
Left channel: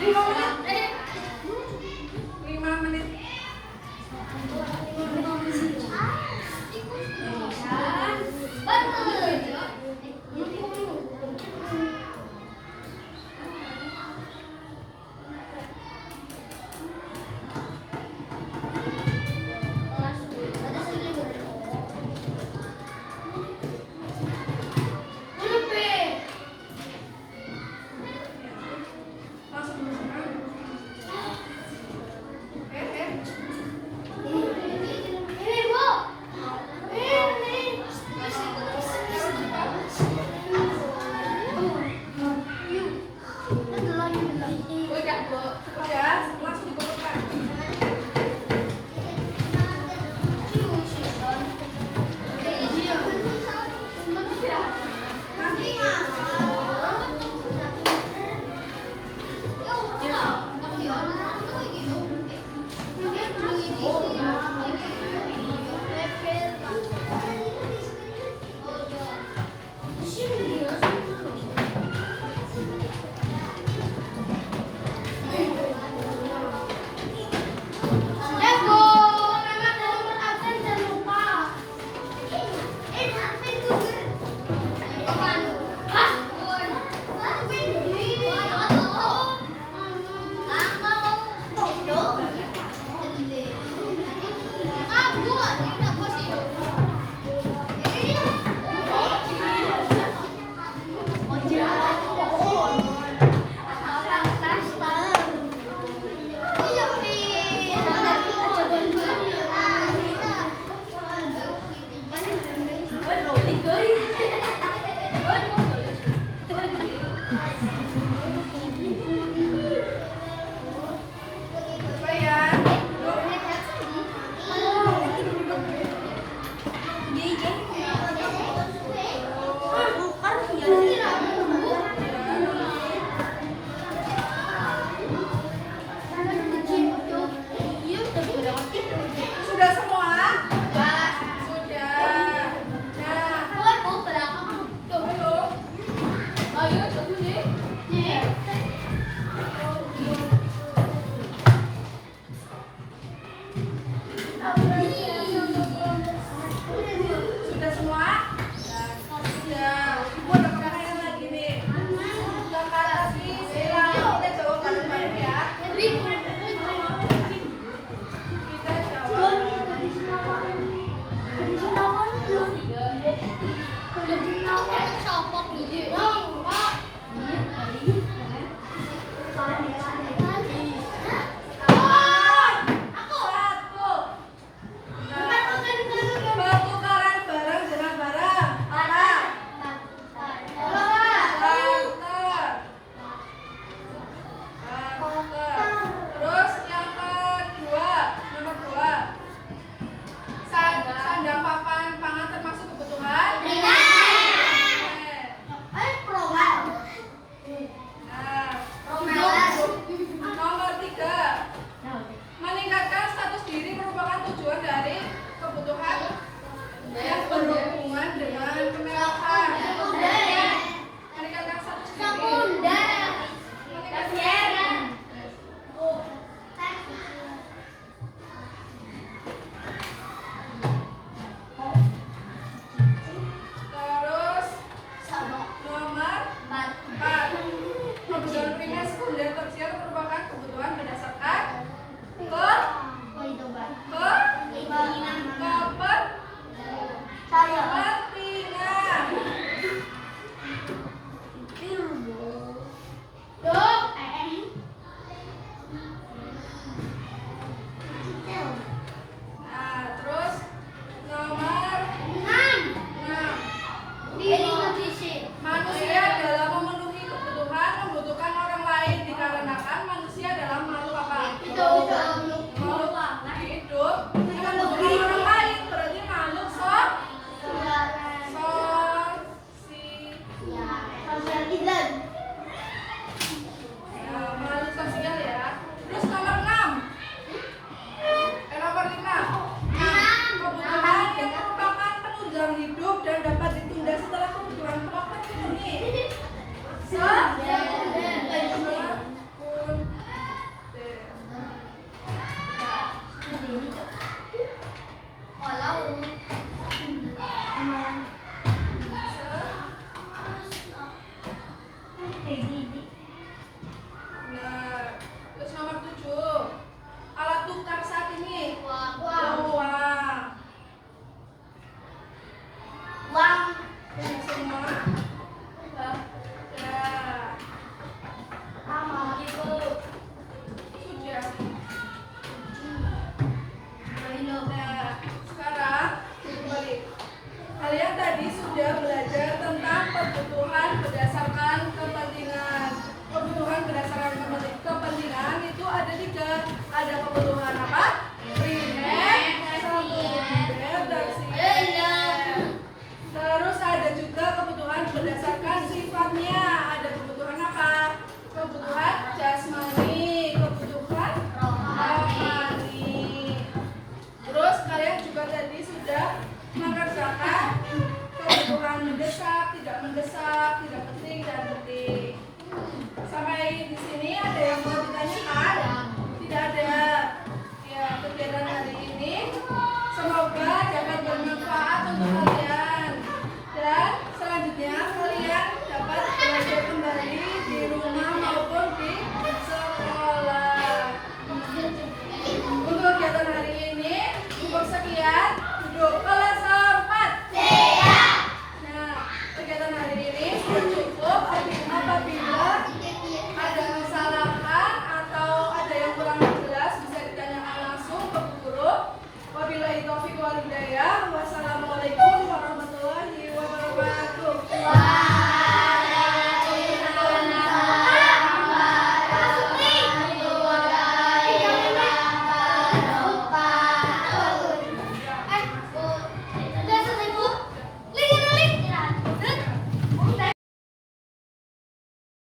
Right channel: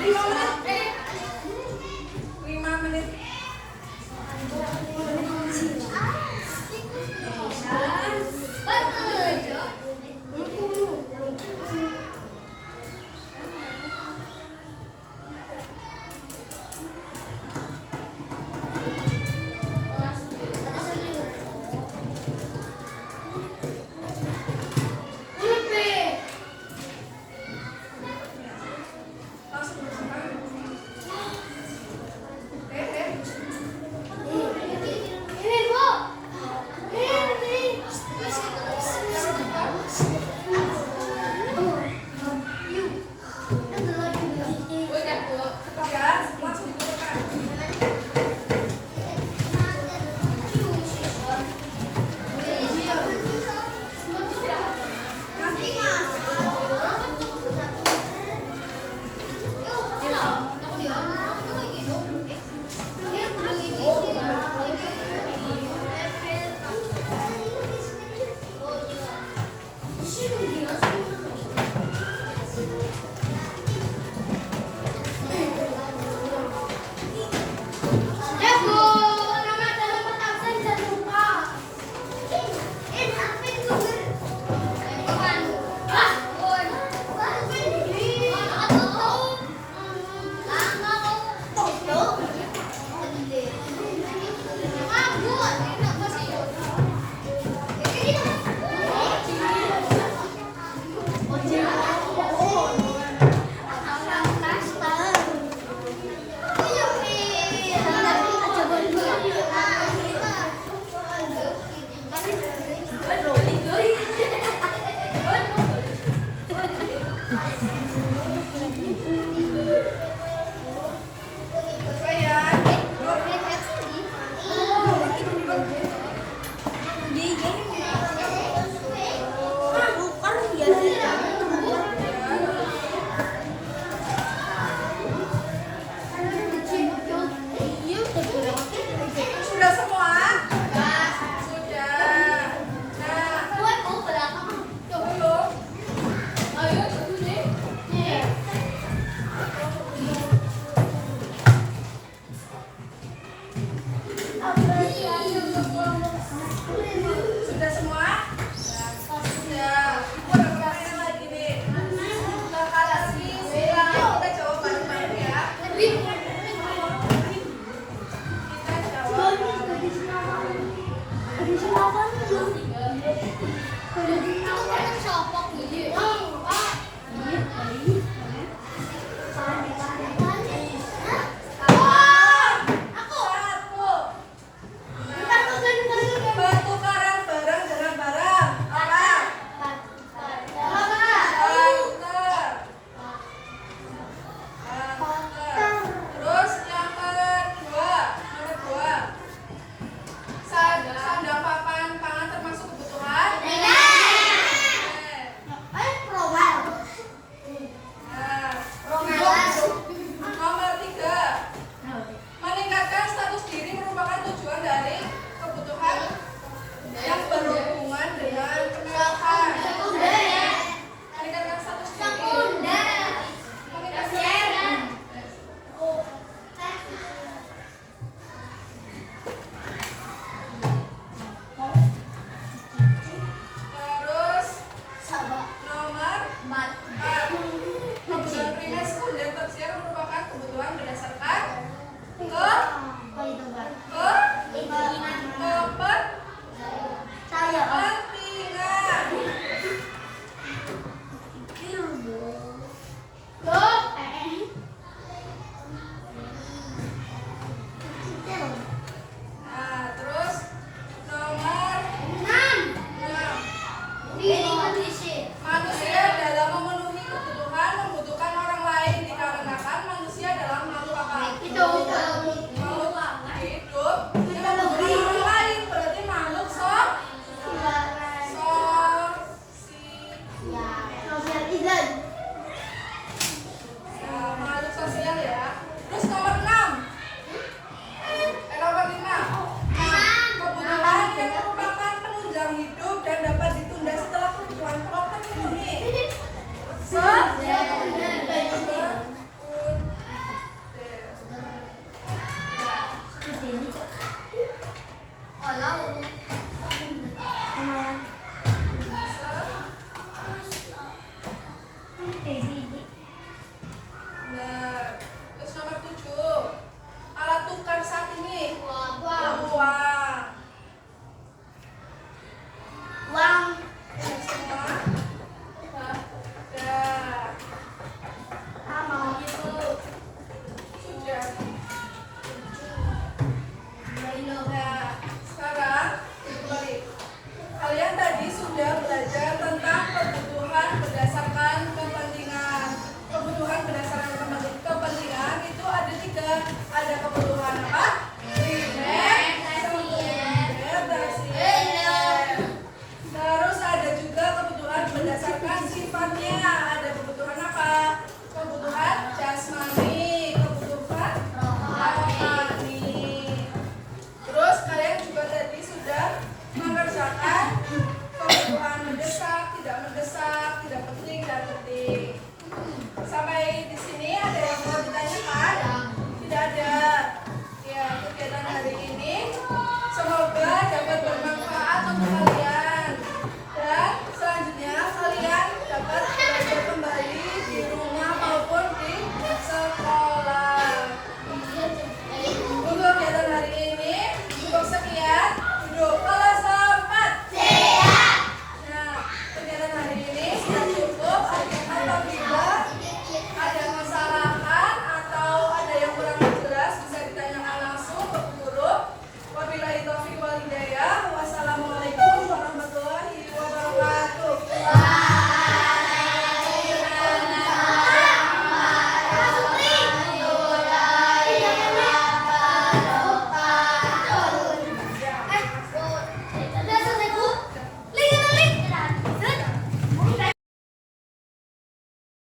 Gimana